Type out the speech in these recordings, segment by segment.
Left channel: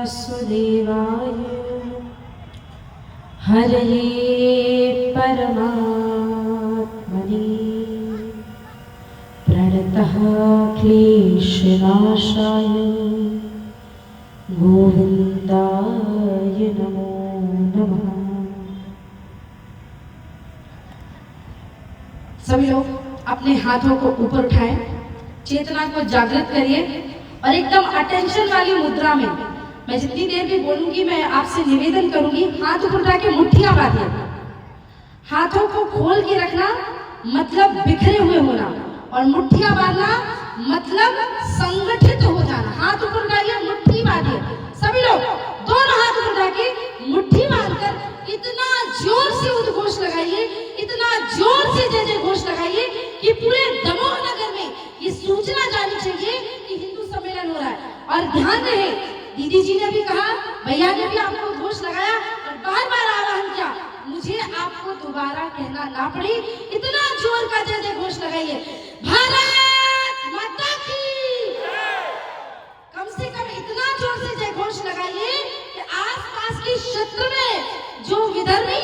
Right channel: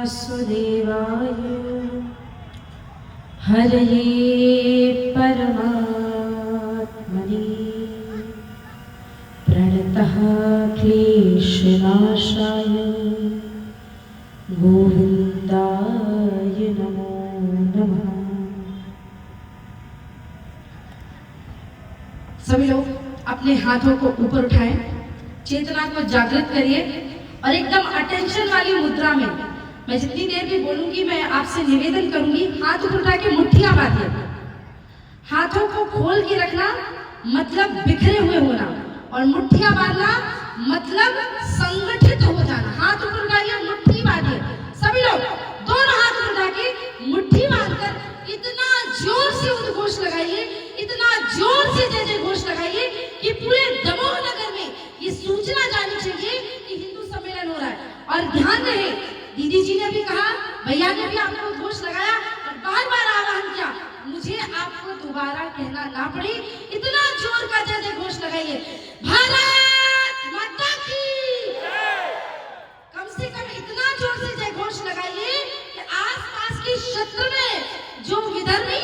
वासुदेवाय हरये परमात्मने प्रणतः क्लेशनाशाय गोविन्दाय नमो नमः। सभी लोग अपने हाथों को ऊपर उठाएं, चेतना को जागृत करिए और एकदम अटेंशन वाली मुद्रा में मैं जितनी देर भी बोलूंगी मैं आपसे निवेदन करूंगी, हाथ ऊपर उठा के मुट्ठियां बांधिए। हाथों को खोल के रखना मतलब बिखरे हुए होना और मुट्ठियां बांधना मतलब संगठित हो जाना। हाथ ऊपर उठाइए, मुट्ठी बांधिए। सभी लोग दोनों हाथ ऊपर उठा के मुट्ठी बांधकर इतना जोर से उद्घोष लगाइए, इतना जोर से जय जय घोष लगाइए कि पूरे दमोह नगर में ये सूचना जानी चाहिए कि हिंदू सम्मेलन हो रहा है। और ध्यान रहे, दीदी जी ने भी कहा, भैया ने भी आपको उद्घोष लगाया और बार बार आह्वान किया, मुझे आपको दोबारा कहना ना पड़े, इतना जोर का जय जय घोष लगाइए, भारत माता की। कम से कम इतना जोर से जय घोष लगाइए कि आसपास के क्षेत्र में जो विधर्मी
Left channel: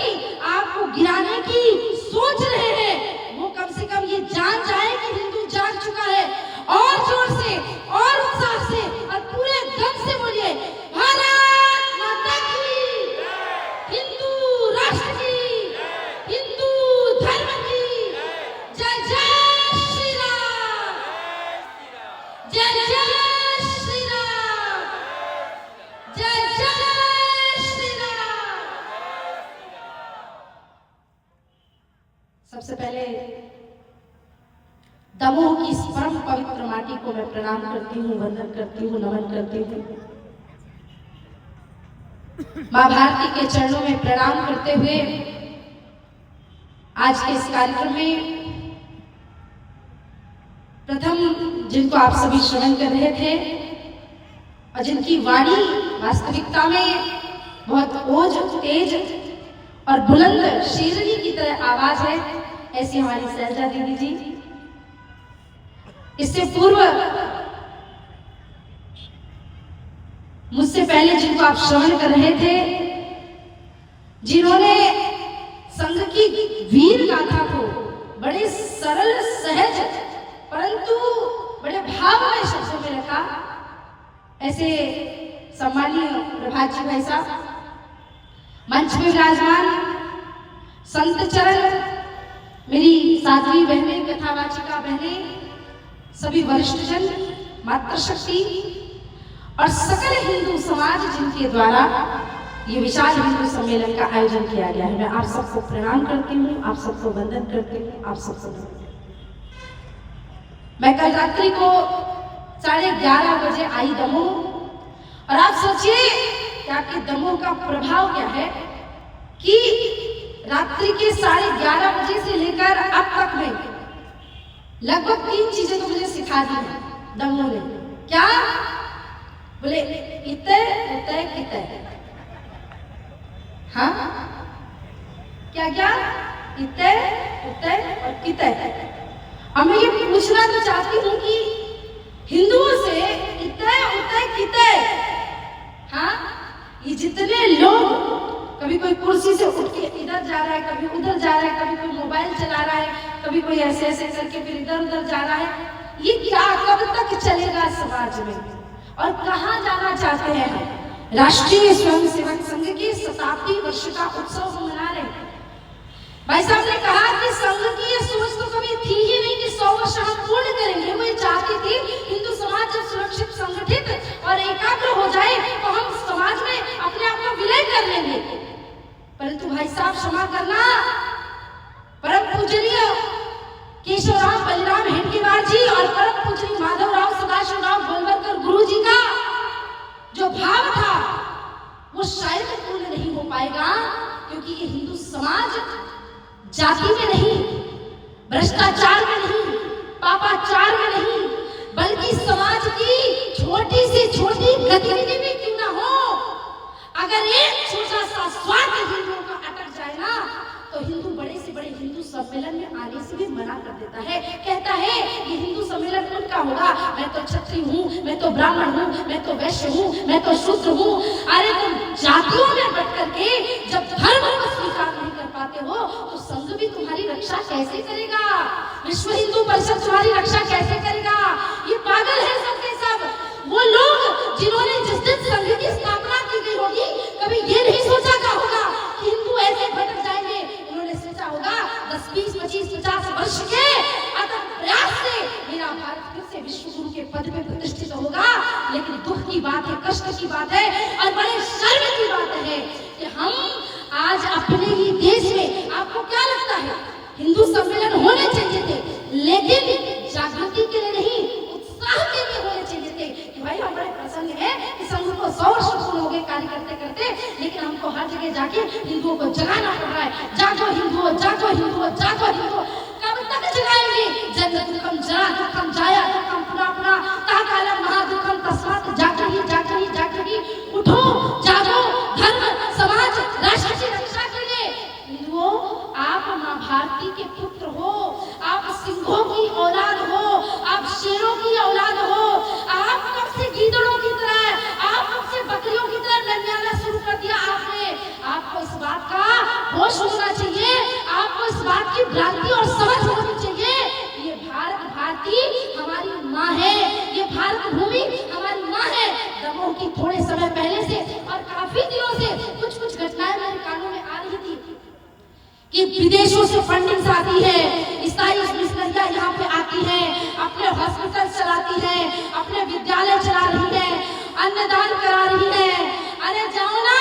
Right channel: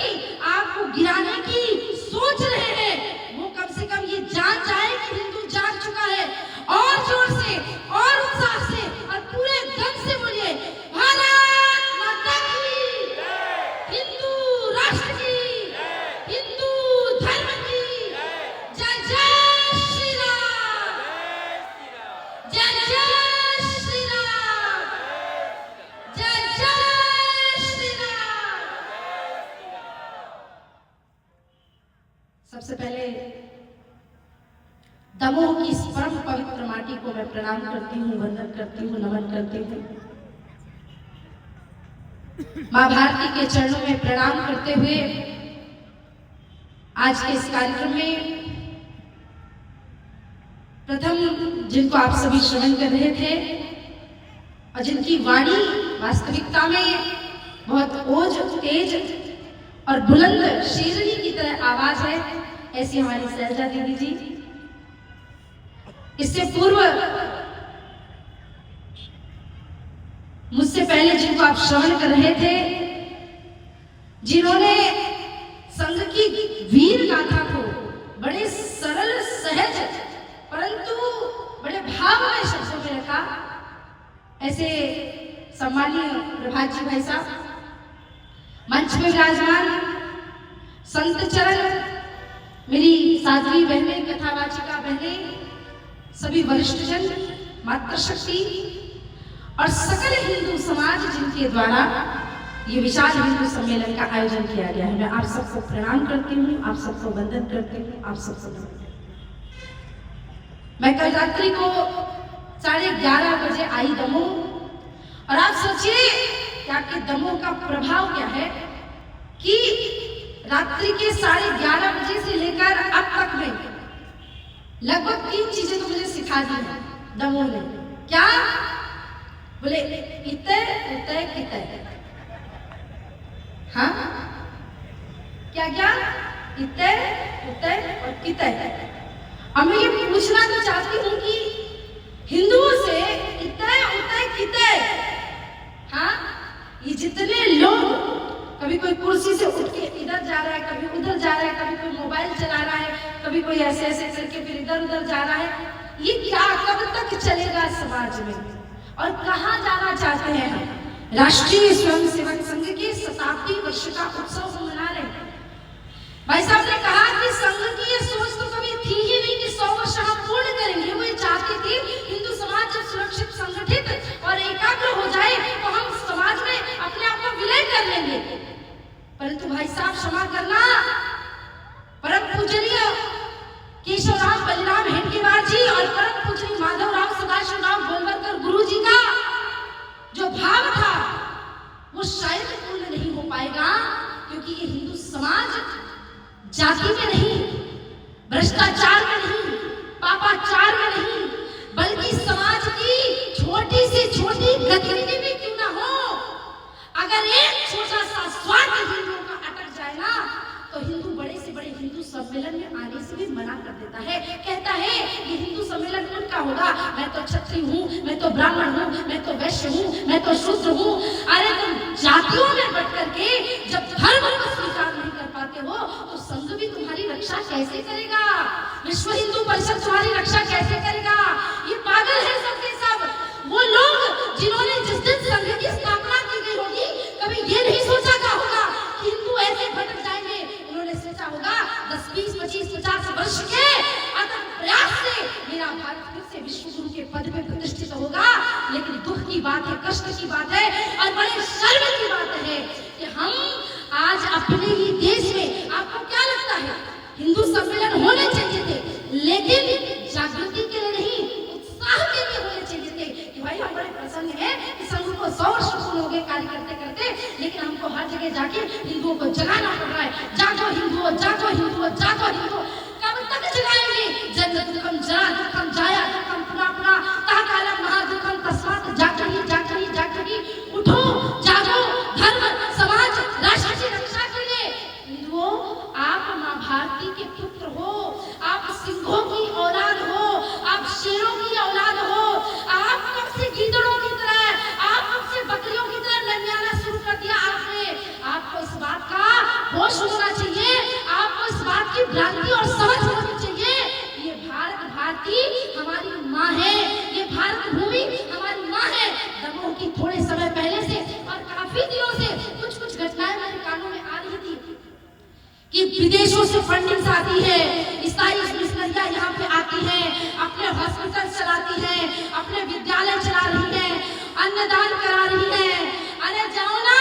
आपको गिराने की सोच रहे हैं वो कम से कम ये जान जाए कि हिंदू जाग चुका है। और जोर से और उत्साह से और पूरे दम से बोलिए, भारत माता की, हिंदू राष्ट्र की, हिंदू धर्म की जय जय श्री राम, जय जय श्री राम, जय जय श्री राम। सबसे पहले दमोह की इस परम पवित्र माटी को मैं प्रणाम करती हूँ, वंदन करती हूँ, नमन करती हूँ। मां भारती के चरणों में प्रणाम करते हुए आज के इस कार्यक्रम में प्रथम जिनको आप सभी श्रवण कर रहे थे और जिनकी वाणी वास्तविकता में बहुत ओज, तेज और बुलंद शेरनी की तरह आवाज है, ऐसी हमारी सैलजा दीदी जी। इससे पूर्व मुझसे पहले जिनको आप श्रवण कर रहे थे, जिन्होंने संघ की वीर गाथा को बड़े सरल, सहज परंतु बड़े भावमय शब्दों में रखा, ऐसे सम्मानीय प्रभात जी भाई साहब, मंच में विराजमान संत चरण, मेरी साध्वी बहनें, कथावाचिका बहनें, सभी वरिष्ठ जन, मातृशक्ति और सकल हिंदू समाज जिनके द्वारा ये विशाल हिंदू सम्मेलन का आयोजन किया गया है, मैं आप सबको प्रणाम करती हूँ, आप सबको वंदन करती हूँ, आप सबको। मैं कल रात्रि को 11:30 बजे आई दमोह और आप सोचिए कि आपके दमोह का प्रभाव क्या है कि रात्रि के 11:30 बजे से लेकर अब तक में लगभग 3 चीजें तो मुझे सिखा दी है दमोह ने। क्या बोले? इतने उतय कितने। हाँ, क्या क्या? इतने उतय और कितने। अब मैं ये पूछना तो चाहती हूँ कि हिंदुओं से इतने उतय कितने, हाँ, ये जितने लोग, कभी कोई कुर्सी से उठ के इधर जा रहा है, कभी उधर जा रहा है, कभी कोई मोबाइल चला रहा है, कभी कोई ऐसे ऐसे करके फिर इधर उधर जा रहा है, ये क्या कब तक चलेगा समाज में और कहाँ जाना चाहते हैं हम? राष्ट्रीय स्वयंसेवक संघ के 70वीं वर्ष का उत्सव हम मना रहे हैं। भाई साहब ने कहा कि संघ की ये सोच तो कभी थी ही नहीं कि 100 वर्ष हम पूर्ण करेंगे। वो ये चाहती थी हिंदू समाज जब सुरक्षित, संगठित और एकाग्र हो जाए तो हम समाज में अपने आप को विलय कर लेंगे। परंतु भाई साहब क्षमा करना, परम पूजनीय केशवराव बलिराम हेडगेवार जी और परम पूजनीय माधवराव सदाशिवराव गोलवलकर गुरु जी का जो भाव था वो शायद पूर्ण नहीं हो पाएगा, क्योंकि ये हिंदू समाज जाति में नहीं, भ्रष्टाचार में नहीं, पापाचार में नहीं, बल्कि समाज की छोटी से छोटी गतिविधि भी क्यों ना हो, अगर एक छोटा सा स्वार्थ हिंदुओं का अटक जाए ना तो हिंदू बड़े से बड़े हिंदू सम्मेलन में आने से भी मना कर देता है, कहता है ये हिंदू सम्मेलन उनका होगा, मैं तो क्षत्रिय हूँ, मैं तो ब्राह्मण हूँ, मैं तो वैश्य हूँ, मैं तो शूद्र हूँ। अरे तुम जातियों में बट करके जब धर्म को स्वीकार नहीं कर पाते हो तो संघ भी तुम्हारी रक्षा कैसे करेगा? विश्व हिंदू परिषद तुम्हारी रक्षा कैसे करेगा? ये पागल है सब के सब। वो लोग जिन्होंने जिस दिन संघ की स्थापना की गई होगी कभी ये नहीं सोचा का होगा कि हिंदू ऐसे भटक जाएंगे। उन्होंने सोचा होगा 10, 20, 25, 50 वर्ष के अथक प्रयास से मेरा भारत फिर से विश्व गुरु के पद पे प्रतिष्ठित होगा। लेकिन दुख की बात है, कष्ट की बात है और बड़े शर्म की बात है कि हम आज अपने ही देश में, आपको क्या लगता है हिंदू सम्मेलन होने चाहिए थे, लेकिन जागृति के लिए नहीं, उत्साह के लिए होने चाहिए थे कि भाई हम बड़े प्रसन्न हैं कि संघ को 100 वर्ष पूर्ण हो गए कार्य करते करते, लेकिन हमको हर जगह जाके हिंदुओं को जगाना पड़ रहा है। जागो हिंदुओं, जागो हिंदुओं, जागो हिंदुओं। कब तक जगाएंगे? जन्म दुखम जरा दुखम जाया दुखम पुनः पुनः ता कालम महा दुखम तस्मात् जागृहि जागृहि जागृहि। उठो, जागो, धर्म समाज राष्ट्र की रक्षा के लिए। हिंदुओं, आप मां भारती के पुत्र हो, आप सिंहों की औलाद हो, आप शेरों की औलाद हो। आप कब से गीदड़ों की तरह, आप कब से बकरियों की तरह नन्याना शुरू कर दिया आपने। आपको इस बात का होश होना चाहिए, आपको इस बात की भ्रांति और समझ होनी चाहिए। ये भारत भारती हमारी माँ है, ये भारत भूमि हमारी माँ है। दमोह की थोड़े समय पहले से और काफी दिनों से कुछ घटनाएं मेरे कानों में आ रही थी कि विदेशों से फंडिंग आती है, ईसाई मिशनरियां यहाँ पे आती हैं, अपने हॉस्पिटल चलाती हैं, अपने विद्यालय चला रही हैं, अन्नदान करा रही हैं। अरे जाओ ना,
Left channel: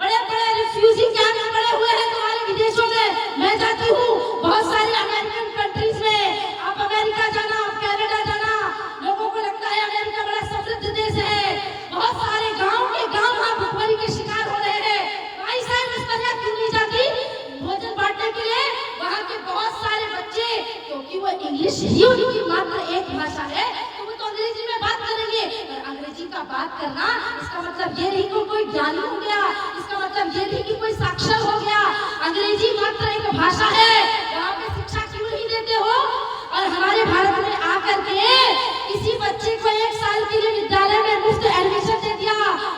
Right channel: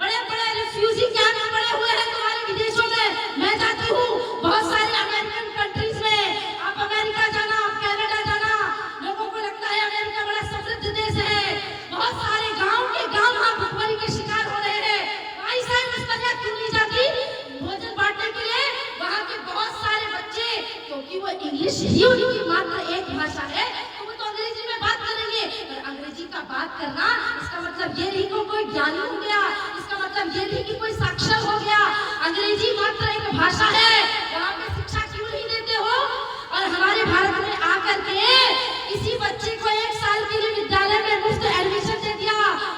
बड़े बड़े रिफ्यूजी कैंप पड़े हुए हैं तुम्हारे विदेशों में। मैं जाती हूँ बहुत सारी अमेरिकन कंट्रीज में। आप अमेरिका जाना, आप कनाडा जाना, लोगों को लगता है अमेरिका बड़ा समृद्ध देश है। बहुत सारे गाँव के गाँव वहाँ भुखमरी के शिकार हो रहे हैं। भाई साहब मिशनरियां क्यों नहीं जाती भोजन बांटने के लिए? वहाँ के बहुत सारे बच्चे, क्योंकि वो इंग्लिश ही उनकी मात्र एक भाषा है, तो वो तो अंग्रेजी में बात करेंगे। और अंग्रेजी का बात करना इसका मतलब ये नहीं कि कोई ज्ञानी हो गया, इसका मतलब ये नहीं कि कोई साक्षर हो गया। अंग्रेजी मात्र एक भाषा है। वहाँ पे शिक्षा क्यों नहीं देते हो? और हमारे भारत में आकर के किसी बच्चे को 1 साल के लिए विद्यालय में मुफ्त एडमिशन दे दिया,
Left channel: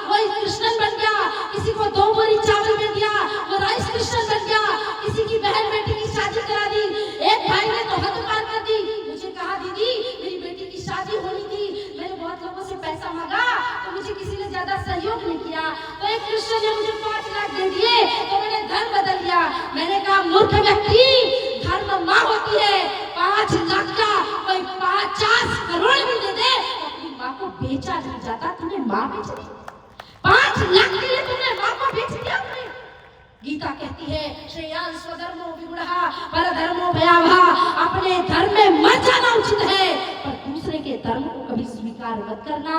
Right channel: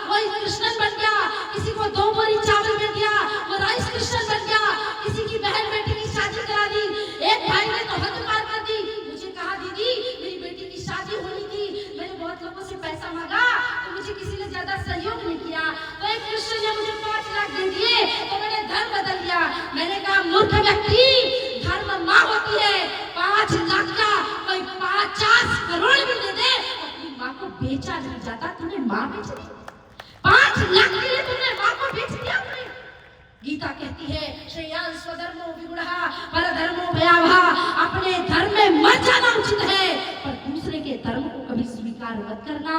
वो क्रिश्चियन बन गया। किसी को 2 बोरी चावल दे दिया, वो राइस क्रिश्चियन बन गया। किसी की बहन बेटी की शादी करा दी। एक भाई ने तो हद पार कर दी, मुझे कहा दीदी मेरी बेटी की शादी होनी थी, मैंने बहुत लोगों से पैसा मांगा तो मुझे किसी ने ज्यादा सहयोग नहीं किया, तो एक क्रिश्चियन ने मुझे 5 लाख दे दिए, तो मैंने धर्म बदल दिया। मैंने कहा मूर्ख व्यक्ति, धर्म माँ होती है। 5 लाख का कोई 50 करोड़ भी दे दे, अपनी माँ को बेचा नहीं जाता। तूने माँ बेच दी, 5 लाख के लिए तुमने माँ को बेच दिया। गीता कहती है श्रेयान् स्वधर्मो विगुणः परधर्मो भयावहः। अपने धर्म में मर जाना उचित है, पर दूसरे के धर्म को कभी स्वीकार मत करना,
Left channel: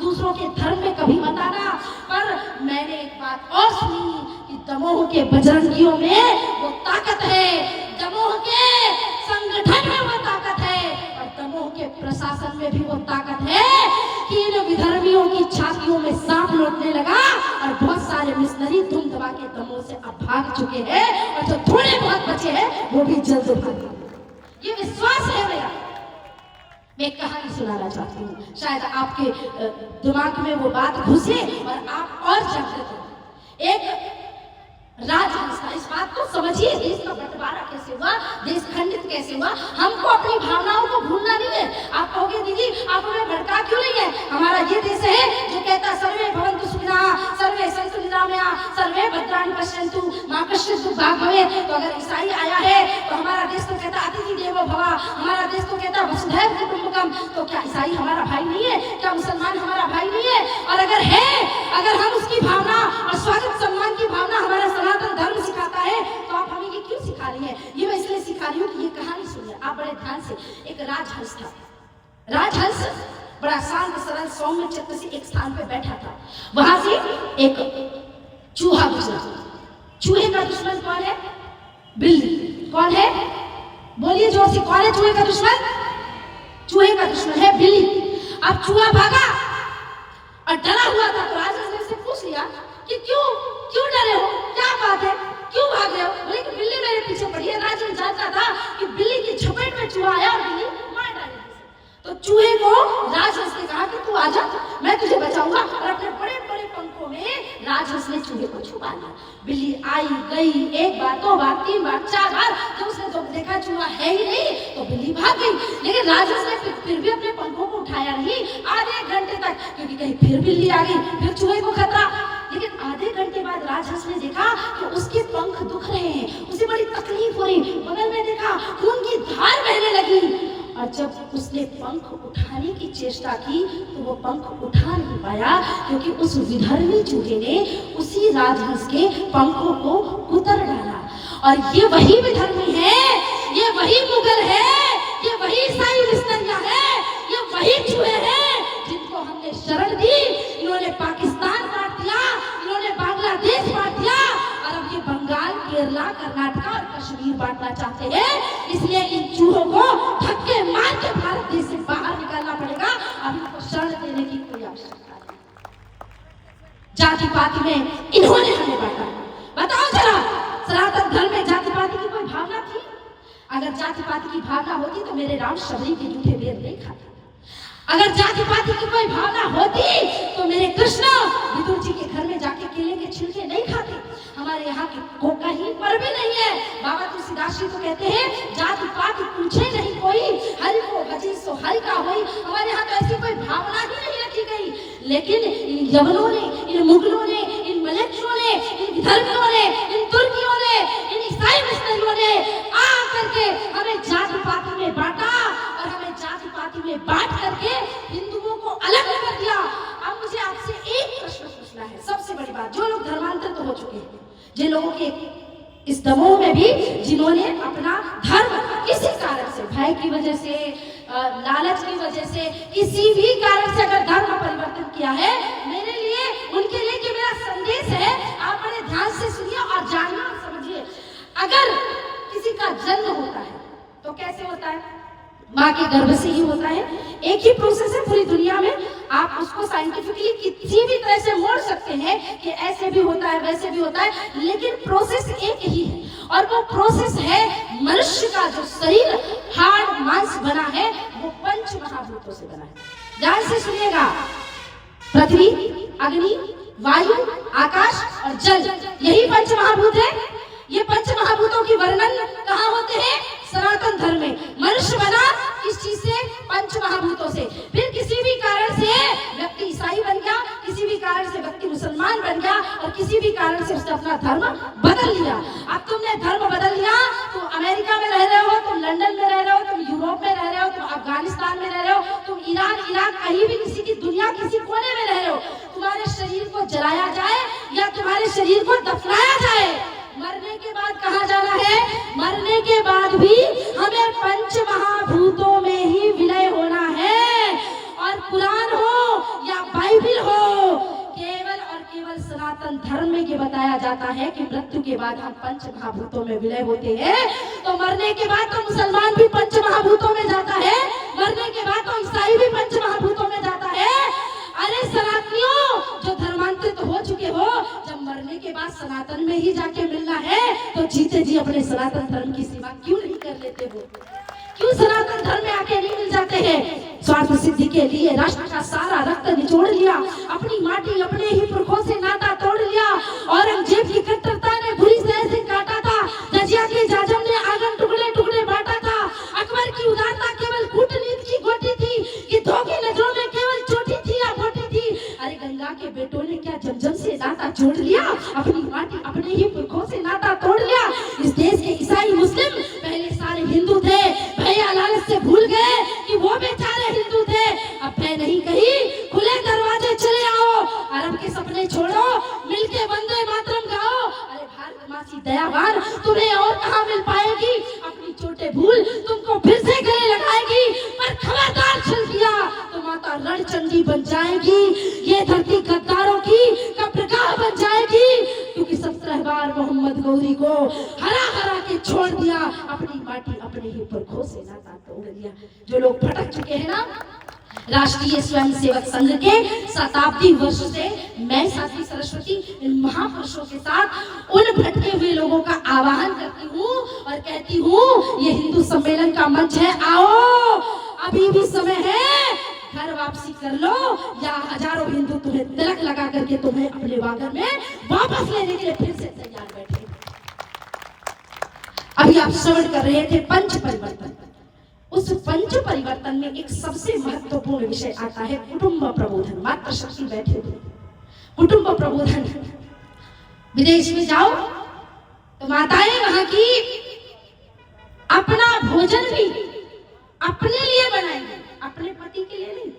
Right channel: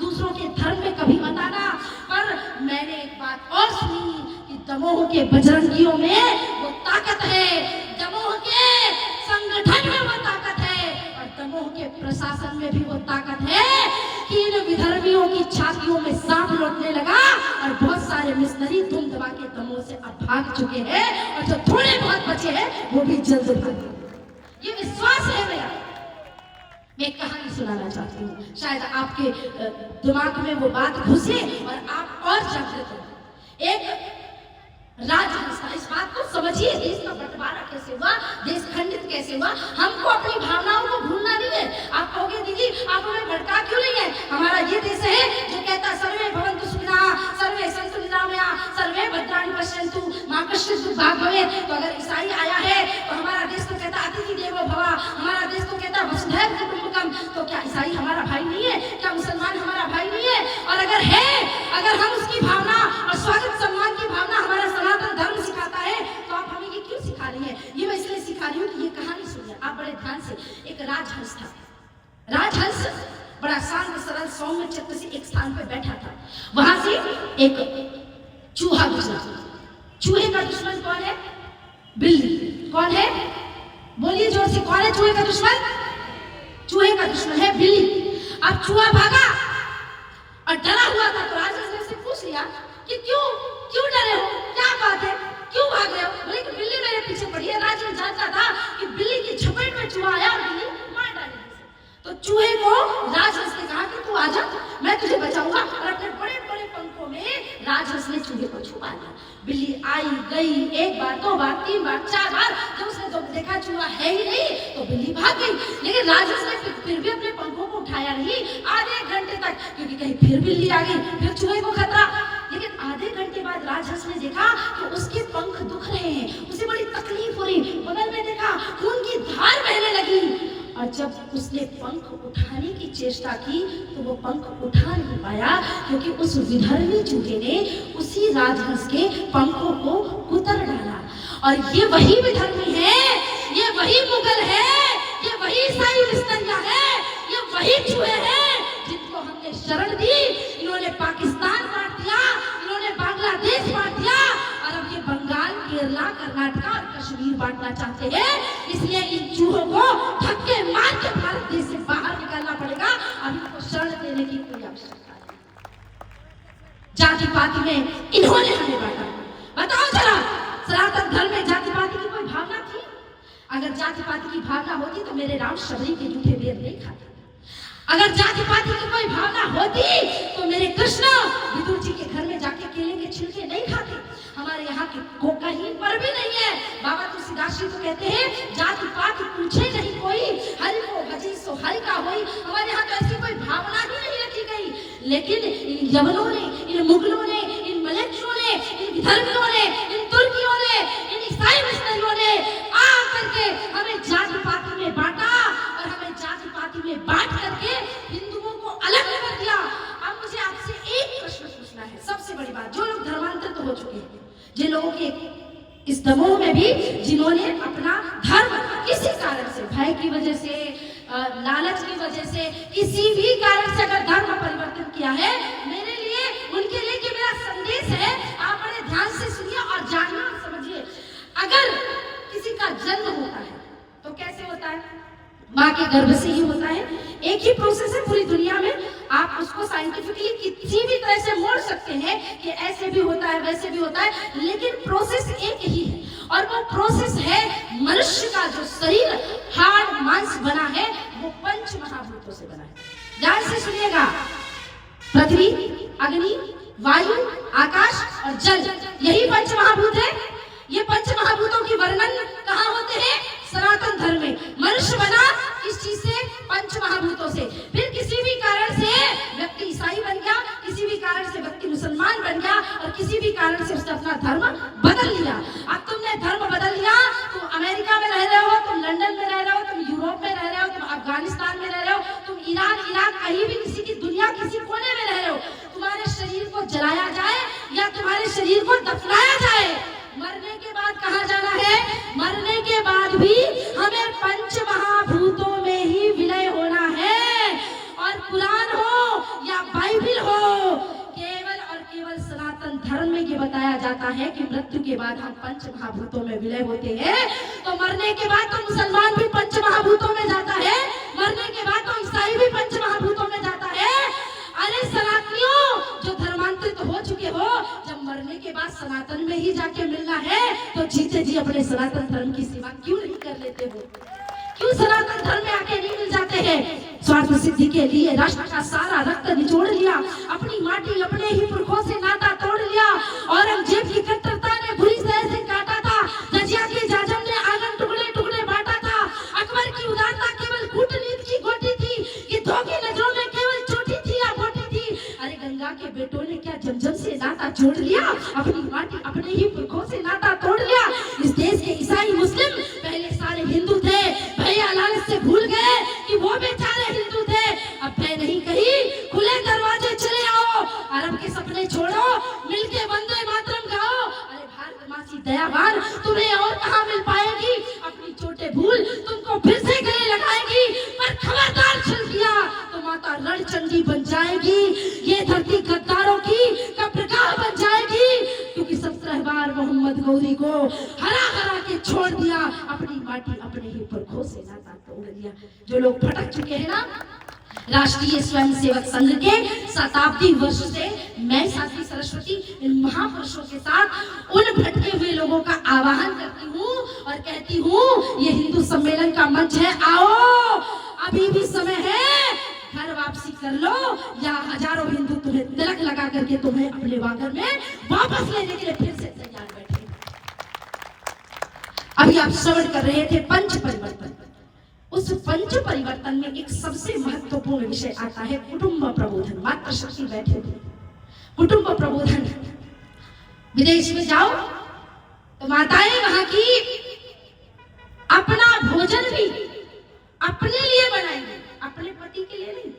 दूसरों के धर्म में कभी मत आना। पर मैंने एक बात और सुनी कि दमोह के बजरंगियों में वो ताकत है, दमोह के संगठन में वो ताकत है, और दमोह के प्रशासन में भी वो ताकत है कि इन विधर्मियों की छातियों में सांप लौटने लगा और बहुत सारे मिशनरी धूम दबा के दमोह से अब भाग चुके हैं, और जो थोड़े बहुत बचे हैं वो भी जल्द भागेंगे। ये विश्वास है मेरा। मैं एक कहानी सुनाना चाहती हूँ, शायद आपके दिमाग में वो बात घुसे और आप और जागृत हो। एक राजहंस था, इस बात को समझिए, देश का बंटवारा कैसे हुआ, देश खंडित कैसे हुआ। हमको अपनी भावनाओं को भूलना नहीं है। आप कहोगे दीदी आप हमें भड़का क्यों नहीं है? हमारा ये देश है जो कहता है सर्वे भवन्तु सुखिनः, सर्वे सन्तु निरामयाः, सर्वे भद्राणि पश्यन्तु माँ कश्चित् दुःखभाग् भवेत्। तो अगर ईसाई आया है तो हमारा देश तो कहता अतिथि देवो भव, हमारा देश तो कहता वसुधैव कुटुम्बकम। तो क्या ईसाई हमारा भाई नहीं है? क्या मुसलमान हमारा भाई नहीं है? और अगर है, अगर हम उसकी भावना और स्वागत सम्मान की भावना हमारा सनातन धर्म सिखाता है, तो आप हमें ये क्यों सिखा रही हैं? ये मैं इसलिए सिखा रही हूँ कि ये कहानी सुनिए आप बड़े ध्यान से। एक राजहंस था। राजहंस बड़ा शांत सरल सौम्य चित्त से एक स्थान पे बैठा था। वहां से एक चूहा गुजरा। चूहे का दुश्मन कौन है? बिल्ली। कौन है? बोलिए जोर से, कौन है चूहे का दुश्मन? चूहे का दुश्मन है बिल्ली। अब चूहा भागा और डरा हुआ था, तो राजहंस ने उससे पूछ लिया कि क्यों डरे हो, क्या बात है, क्यों भाग रहे हो? बोले कि बिल्ली मेरे पीछे पड़ी है। राजहंस जानता था कि बिल्ली की झपेट में चूहा आया और बिल्ली मार डालेगी। तो चूहे को राजहंस ने कहा कि तू आजा, मैं तुझे बचाऊंगा, और अपने बड़े बड़े पंखों में राजहंस ने चूहे को छुपा लिया। बिल्ली आई गई, एक बार, दो बार, तीन बार, चार बार, जब उसने तो देखा चूहा है ही नहीं तो बिल्ली भाग गई। लेकिन राजहंस ने फिर भी अपने पंखों को उठाया नहीं आधे घंटे तक, क्योंकि कहीं फिर बिल्ली आ गई, फिर चूहे को खतरा। लेकिन आधे घंटे बाद राजहंस ने देखा कि उसके पंख दुख रहे हैं, उसे बड़ी तकलीफ हो रही। बगल में देखा खून की धार बहने लगी, और जब उसने पंख उठाने की चेष्टा की तो वो पंख उठा नहीं पाया, क्योंकि उस विधर्मी चूहे ने उसी राजहंस के पंखों को कुतर डाला। और ये वही विधर्मी है, ये वही मुगल है, ये वही ईसाई मिस्त्रियां है, ये वही चूहे हैं जिनको हमने शरण दी। इन्होंने पाकिस्तान बांट दिया, इन्होंने बांग्लादेश बांट दिया, और अब ये बंगाल, केरला, कर्नाटका और कश्मीर बांटना चाहते हैं। इसलिए इन चूहों को धक्के मार के भारत देश से बाहर निकालना पड़ेगा। अब इनको शरण देने की कोई आवश्यकता नहीं। जाति पाति में इन्होंने हमें बांटा। बताओ जरा, सनातन धर्म में जाति पाति की कोई भावना थी? अगर जाति पाति की भावना होती तो मेरे राम शबरी के जूठे बेर नहीं खाते। अगर जाति पाति की कोई भावना होती तो मेरे कृष्ण विदुर जी के घर में जाके केले के छिलके नहीं खाते। हमारे यहाँ को कहीं पर भी नहीं है। बाबा तुलसीदास जी तो कहते हैं जाति पाति पूछे नहीं कोई, हरि को भजी सो हरि का होई। हमारे यहाँ तो ऐसी कोई भावना ही नहीं रखी गई। लेकिन इन यवनों ने, इन मुगलों ने, इन मलेच्छों ने, इन विधर्मियों ने, इन तुर्कियों ने, इन ईसाई मिस्त्रियों ने आ करके हमें जाति पाति में बांटा, और हमें जाति पाति में बांट करके हिंदुओं को अलग कर दिया। अब मुझे आपसे एक प्रश्न पूछना है, सबसे बड़ी बात, जो लोग धर्मांतरित हो चुके हैं, जिन लोगों के इस दमोह में भी, जिन्होंने अपना धर्म किसी कारण से, भय की वजह से, लालच की वजह से, किसी भी कारण से अगर धर्म परिवर्तन किया है, मेरे लिए, उनके लिए कि मेरा संदेश है, आप बड़े ध्यान से सुनिए और जानना और समझिए। अगर किसी का जन्म होता है तो कैसे होता है? माँ के गर्भ से ही होता है। एक ही प्रोसेस है पूरी दुनिया में। आप उसको साइंटिफिकली किसी भी तरह से मोड़ सकते हैं कि ऐसे भी होता है, वैसे भी होता है, लेकिन प्रोसेस एक ही है। और वो प्रोसेस है मनुष्य का जो शरीर हाड़ मांस बना है, वो पंच महाभूतों से बना है। ध्यान से सुनिएगा, पृथ्वी, अग्नि, वायु, आकाश और जल, यही पंच महाभूत है। ये पंच महाभूतों की वर्णन कहाँ होते हैं? सनातन धर्म में। मनुष्य बना किस चीज से? पंच महाभूतों से। फिर किसी भी कारण से व्यक्ति ईसाई बन गया, किसी भी कारण से व्यक्ति मुसलमान बन गया, और किसी भी कारण से उसने अपना धर्म बदल लिया। अब तुमने धर्म बदल लिया, तुम अमेरिका में रह रहे हो, तुम लंदन में रह रहे हो, तुम यूरोप में रह रहे हो, तुम अफगानिस्तान में रह रहे हो, तुम ईरान, इराक, कहीं भी किसी की दुनिया किसी कोने में रह रहे हो, तुम्हारे शरीर को जलाया जाए या तुम्हारे शरीर को दफनाया जाए, मरने के बाद कहाँ जाना है? मरने के बाद भी हमें पंच महाभूतों में ही विलय होना है। और कुरान हो या बाइबिल हो, केवल और केवल सनातन धर्म में ये बताया जाता है कि मृत्यु के बाद हम पंच महाभूतों में विलय होते हैं। तो मरने के बाद तो मुसलमान भी पंच महाभूतों में जाता है, मरने के बाद तो ईसाई भी पंच महाभूतों में जाता है। अरे सनातनियों, जो धर्मांतरित हो चुके हो, जब मरने के बाद सनातन में ही जाके मिलना है तो जीते जी अपने सनातन धर्म की सेवा क्यों नहीं कर लेते हो? क्यों सनातन धर्म में आके नहीं मिल जाते हैं? स्वार्थ सिद्धि के लिए राष्ट्र का सारा रक्त निचोड़ लिया, अपनी माटी अपने ही पुरखों से नाता तोड़ लिया। औरंगजेब की कट्टरता ने बुरी तरह से काटा था, रजिया के जाजम ने आंगन टुकड़े टुकड़े बांटा था, अकबर की उदारता केवल कूटनीति की गोटी थी, गिद्धों की नजरों में केवल चोटी थी या बोटी थी। अरे गंगा के बेटों ने क्या जमजम से नाता जोड़ लिया, अपनी माटी अपने ही पुरखों से नाता तोड़ लिया। इस देश के ईसाई मुस्लिम पहले सारे हिंदू थे, भैया लालच से भूल गए कि वो बेचारे हिंदू थे। अब भय नहीं कही, खुले दरवाजे चले आओ, अरब के सपने छोड़ो, मिलके वंदे मातरम गाओ। अरे भारत माँ की दयावान तुम्हें और कहाँ मिल पाएगी? अपनी चोटें भूल तुमको फिर से गले लगाएगी, पर खबरदार छल किया तो माता रणचंडी बन जाएगी। ये धरती गद्दारों की कब्रगाह बन जाएगी, क्योंकि 17 बार मोहम्मद गौरी को हरा हरा के छोड़ दिया, अपनी माटी अपने ही पुरखों से नाता तोड़ लिया। जो लोग भटक चुके हैं ना, राष्ट्रीय स्वयंसेवक संघ के शताब्दी वर्ष से मैं साध्वी सरस्वती इन महापुरुषों के साथ उन भटके हुए लोगों का आह्वान करती हूँ और कहती हूँ, ये हिंदू सम्मेलन का मंच है, आओ अभी भी समय है, घर वापसी कर लो, या हजारों हिंदू तुम्हें तिलक लगा करके तुम्हें अपने वागर में वापस लेने के लिए फिर से तैयार बैठे। अभी आप श्रवण कर रहे थे पंच परिवर्तन। उस पंच परिवर्तन में एक सबसे महत्वपूर्ण विषय आता है कुटुंब प्रबोधन। मातृशक्ति बैठे हुए, कुटुंब प्रबोधन। विदेश में जाओ तो माताएं वहां की अपना भोजन भी अपने लिए बनाएंगे, अपने पति के लिए नहीं।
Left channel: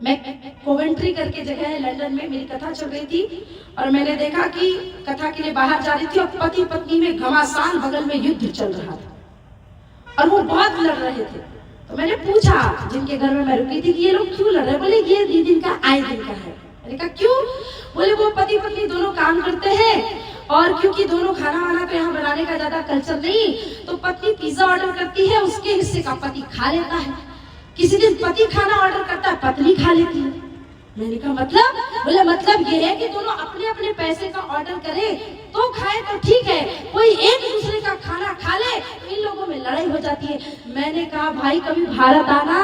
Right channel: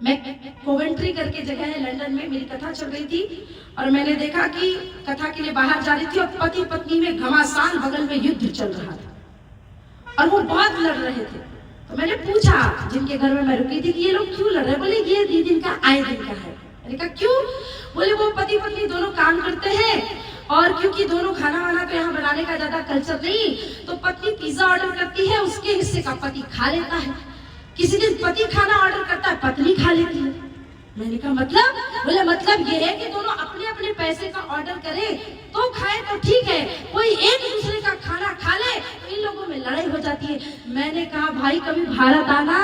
मैं कोवेंट्री करके जगह है लंदन में, मेरी कथा चल रही थी और मैंने देखा कि कथा के लिए बाहर जा रही थी और पति पत्नी में घमासान बगल में युद्ध चल रहा था और वो बहुत लड़ रहे थे। तो मैंने पूछा जिनके घर में मैं रुकी थी कि ये लोग क्यों लड़ रहे हैं? बोले ये दिन का आए दिन का है। मैंने कहा क्यों? बोले वो पति पत्नी दोनों काम करते हैं और क्योंकि दोनों खाना वाना तो यहाँ बनाने का ज्यादा कल्चर नहीं, तो पत्नी पिज्जा ऑर्डर करती है, उसके हिस्से का पति खा लेता है। किसी दिन पति खाना ऑर्डर करता है, पत्नी खा लेती है। मैंने कहा मतलब? बोले मतलब ये है कि दोनों अपने अपने पैसे का ऑर्डर करें तो खाए तो ठीक है, कोई एक दूसरे का खाना खा ले तो इन लोगों में लड़ाई हो जाती है। मैंने कहा भाई कभी भारत आना,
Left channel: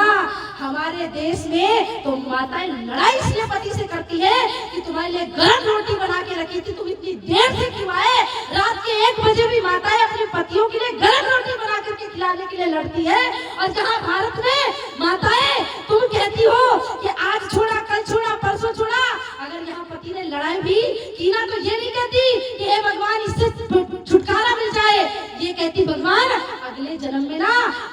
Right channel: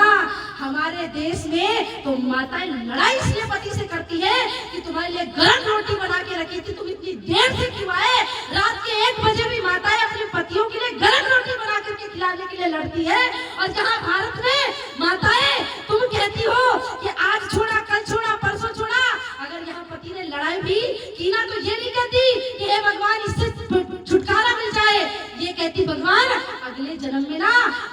हमारे देश में तो माताएं लड़ाई इसलिए पति से करती है कि तुम्हारे लिए गर्म रोटी बना के रखी थी, तुम इतनी देर से क्यों आए? रात के 1 बजे भी माताएं अपने पतियों के लिए गर्म रोटी बना करके खिलाने के लिए लड़ती है। और जहाँ भारत में माताएं तुम कहती हो कि आज छोड़ा कल छोड़ा परसों छोड़ा, अगर यहाँ पति ने लड़ाई भी की ना तो ये नहीं कहती कि हे भगवान इससे छुटकारा मिल जाए, ये कहती भगवान अगले जन्म में ना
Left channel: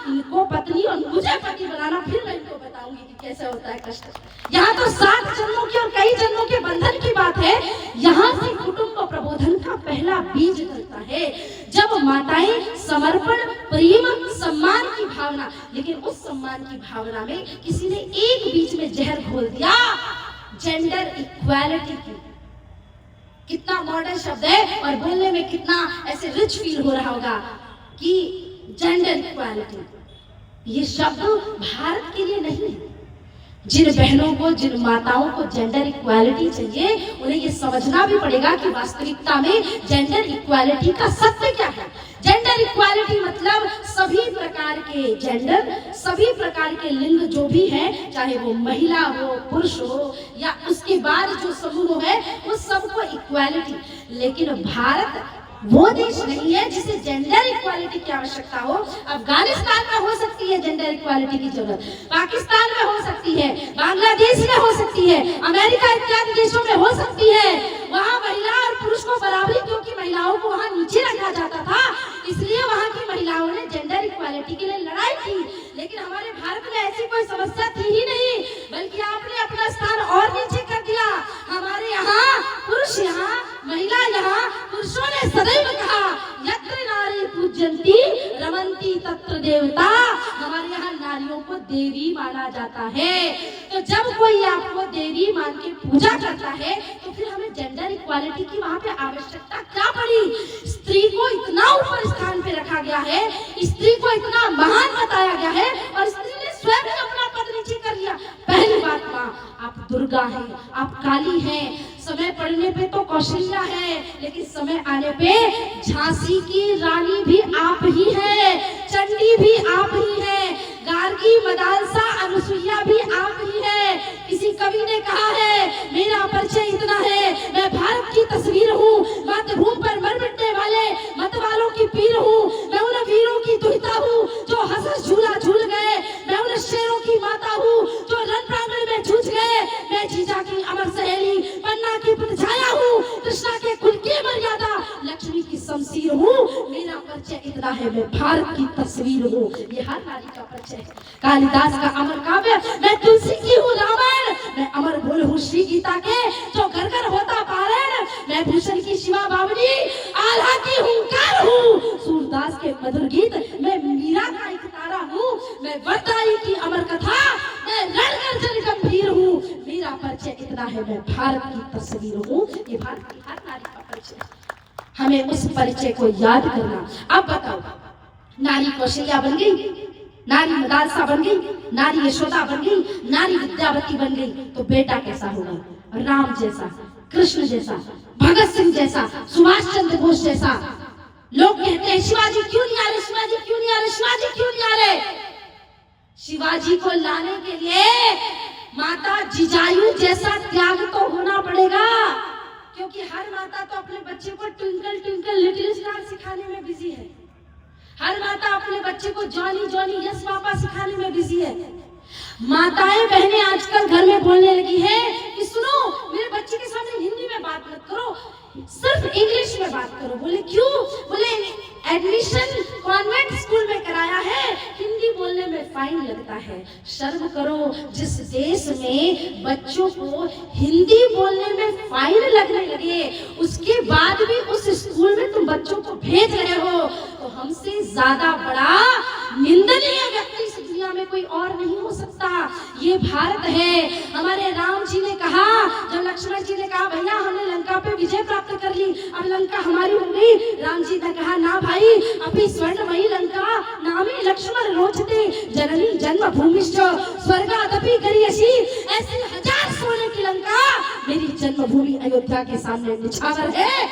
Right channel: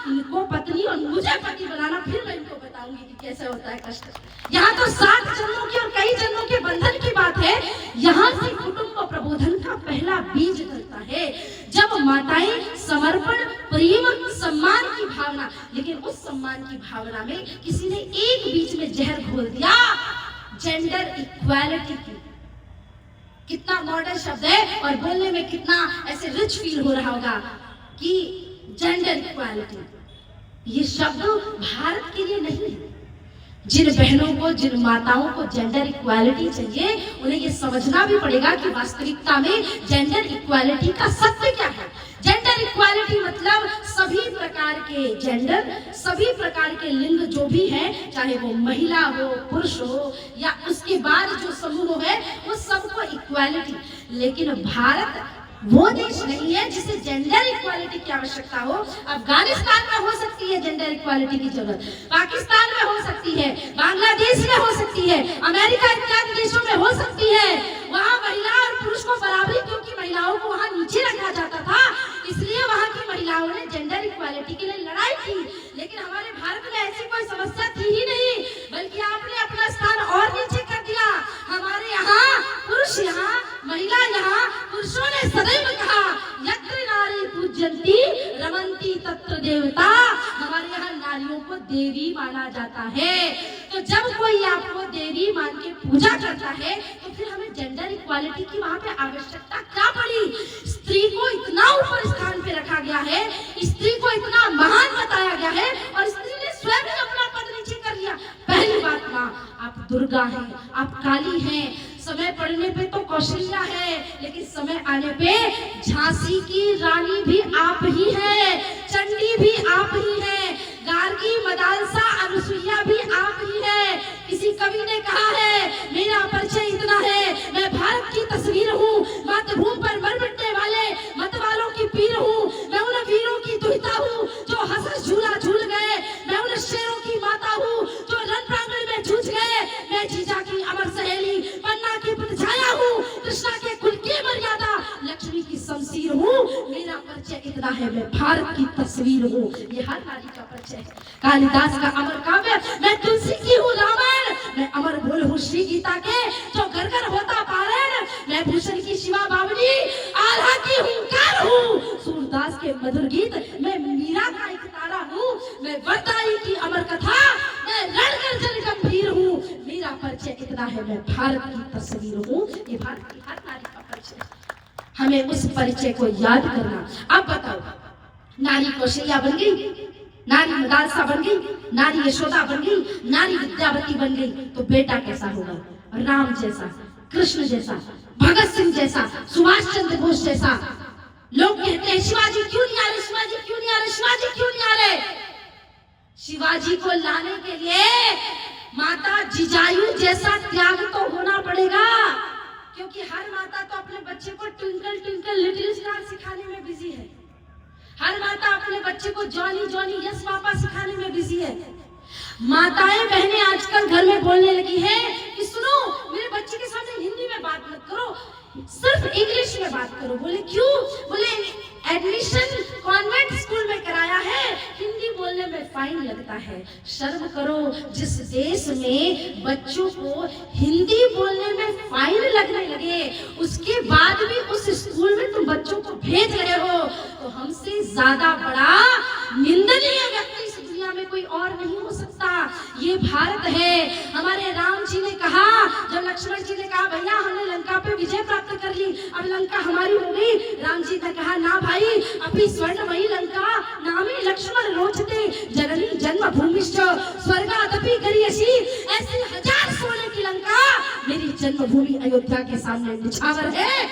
इनको पत्नी और मुझे पति बनाना, फिर मैं इनको बताऊंगी कि कैसे होता है कष्ट। यहाँ तो 7 जन्मों की और कई जन्मों के बंधन की बात है। यहाँ से कुटुंब प्रबोधन का पहला बीज डलता है जब माताएं समर्पण, प्रेम, सम्मान की भावना, लेकिन उस सम्मान की भावना में किसी ने एक बीच में जहर घोल दिया, जेंडर इक्वालिटी की। कितना मॉडर्न शब्द है और बोलने में कितना ऐसे रिच फील हो रहा होगा कि जेंडर इक्वालिटी। ये शब्द भारत के लिए नहीं है। जिन बहनों को, जिन माताओं को जेंडर इक्वालिटी चाहिए, उन्हें ये समझना भी पड़ेगा कि वास्तविकता में जेंडर इक्वालिटी का सत्य क्या है। जेंडर इक्वालिटी मतलब सभी प्रकार के जेंडर, सभी प्रकार के लिंग जो भी हैं, चाहे वो महिला हो, पुरुष हो या उसके बाद जो समूह है, वो सबको इक्वालिटी। लेकिन भारत वो देश नहीं है जिसे जेंडर इक्वालिटी की आवश्यकता हो। अफगानिस्तान में हो सकती है जेंडर इक्वालिटी की जरूरत, पाकिस्तान में हो सकती है, बांग्लादेश में हो सकती है, अमेरिका इत्यादि देशों में हो सकती है। वहाँ महिला और पुरुष को बराबरी, क्योंकि महिलाओं को वहाँ नीचे रखा जाता था, इसलिए वहाँ की महिलाओं ने जेंडर इक्वालिटी के लिए लड़ाई की। लेकिन हमारे भारत में ऐसी कोई समस्या थी ही नहीं, बल्कि आपने अपना स्थान और नीचे कर दिया। हमारे यहाँ पुरुष, यहाँ महिला, यहाँ पुरुषों ने सदैव कहा यत्र नारी पूज्यन्ति रमन्ति तत्र देवता। हमारे यहाँ नारियों को देवी माना जाता है। तो जब कोई आपको देवी मान के पूजा करता है तो फिर हमें जेंडर इक्वालिटी की वहाँ पे आवश्यकता क्या पड़ी? स्त्री को इतना ऊपर स्थान पे रखा गया है, स्त्री को इतना महान बताया गया है और स्त्री ने स्वयं ही अपना पद नीचे कर लिया। पहली बात, माँ आप दुर्गा हैं, आप काली हैं, समय पड़ने पे तो कौशल्या है, लेकिन समय आने पे झांसी की रानी भी आप ही है, चंडी भी आप ही है, गार्गी, मदालसा, अनुसुईया भी आप ही है। किसी कवि ने कहा है मेरा परिचय इतना है, मैं भारत की तस्वीर हूँ, मातृभूमि पर मर मिटने वाले मत वालों की पीर हूँ, मैं उन वीरों की दुहिता हूँ जो हंस झूला झूल गए, मैं उन शेरों की माता हूँ जो रण प्रांगण में जूझ गए, मैं जीजा की अमर सहेली, पन्ना की छाया हूँ, कृष्णा के कुल की मर्यादा, लक्ष्मी की शमशीर हूँ, मेरा परिचय इतना है, मैं भारत की तस्वीर हूँ। ये हर नारी का परिचय है। कालिदास का अमर काव्य, मैं तुलसी की हूँ रामायण, मैं अमर भूल हूँ श्री गीता के जो घर घर होता पारायण, मैं भूषण की शिवा बावली, आल्हा की हुंकार हूँ, सूरदास के मधुर गीत, मैं मीरा का एक तारा हूँ, मैं वरदाई की अमर कथा, मैं रणगर्जन गंभीर हूँ, मेरा परिचय इतना है, मैं भारत की तस्वीर हूँ। ये भारत की हर नारी का परिचय, हमें उस परिचय को याद करना। अब बताओ, नारी कौशल्या बन गई, नारी मदालसा बन गई, नारी यशोदा बन गई, नारी विद्यावती बन गई, तो बेटा कैसा होगा? राम जैसा, कृष्ण जैसा, भगत सिंह जैसा, सुभाष चंद्र बोस जैसा। लोग कहते हैं शिवाजी क्यों नहीं आ रहे, शिवाजी क्यों नहीं आ रहे, शिवाजी क्यों नहीं आ रहे? शिवाजी को लाने के लिए माता जिजायू जैसा त्याग तो होना पड़ेगा, क्योंकि हर माता तो अपने बच्चे को ट्विंकल ट्विंकल लिटिल स्टार सिखाने में बिजी है। हर माता अपने बच्चे को जॉनी जॉनी यस पापा सिखाने में बिजी है। माताएं बहनें आजकल घर में बोलने लगी है कि सुनो, मेरे बच्चे के सामने हिंदी में बात मत करो, सिर्फ इंग्लिश में बात करो। बोले क्यों? बोले एडमिशन कॉन्वेंट स्कूल में कराया है, हिंदी बोलने में फाइन लगता है। शर्म करो, जिस देश में बच्चों को हिंदी बोलने में फाइन लगने लगे, उसके बाद भी उस स्कूल में तुम बच्चों को भेज रहे हो, तो हमसे ज्यादा बड़ा निंदनीय व्यक्ति इस दुनिया में कोई और नहीं हो सकता। ये भारत है। हमारे राम जी ने कहा, जब लक्ष्मण जी ने कहा भैया हमने लंका पे विजय प्राप्त कर ली, अब लंका हमारी हो गई, राम जी ने कहा ना भाई, अभी स्वर्णमयी लंका नामे लक्ष्मण रोचते, जननी जन्म भूमिश्च स्वर्गादपि गरीयसी। ऐसी 1000 सोने की लंका मेरी जन्मभूमि अयोध्या के सामने निछावर है।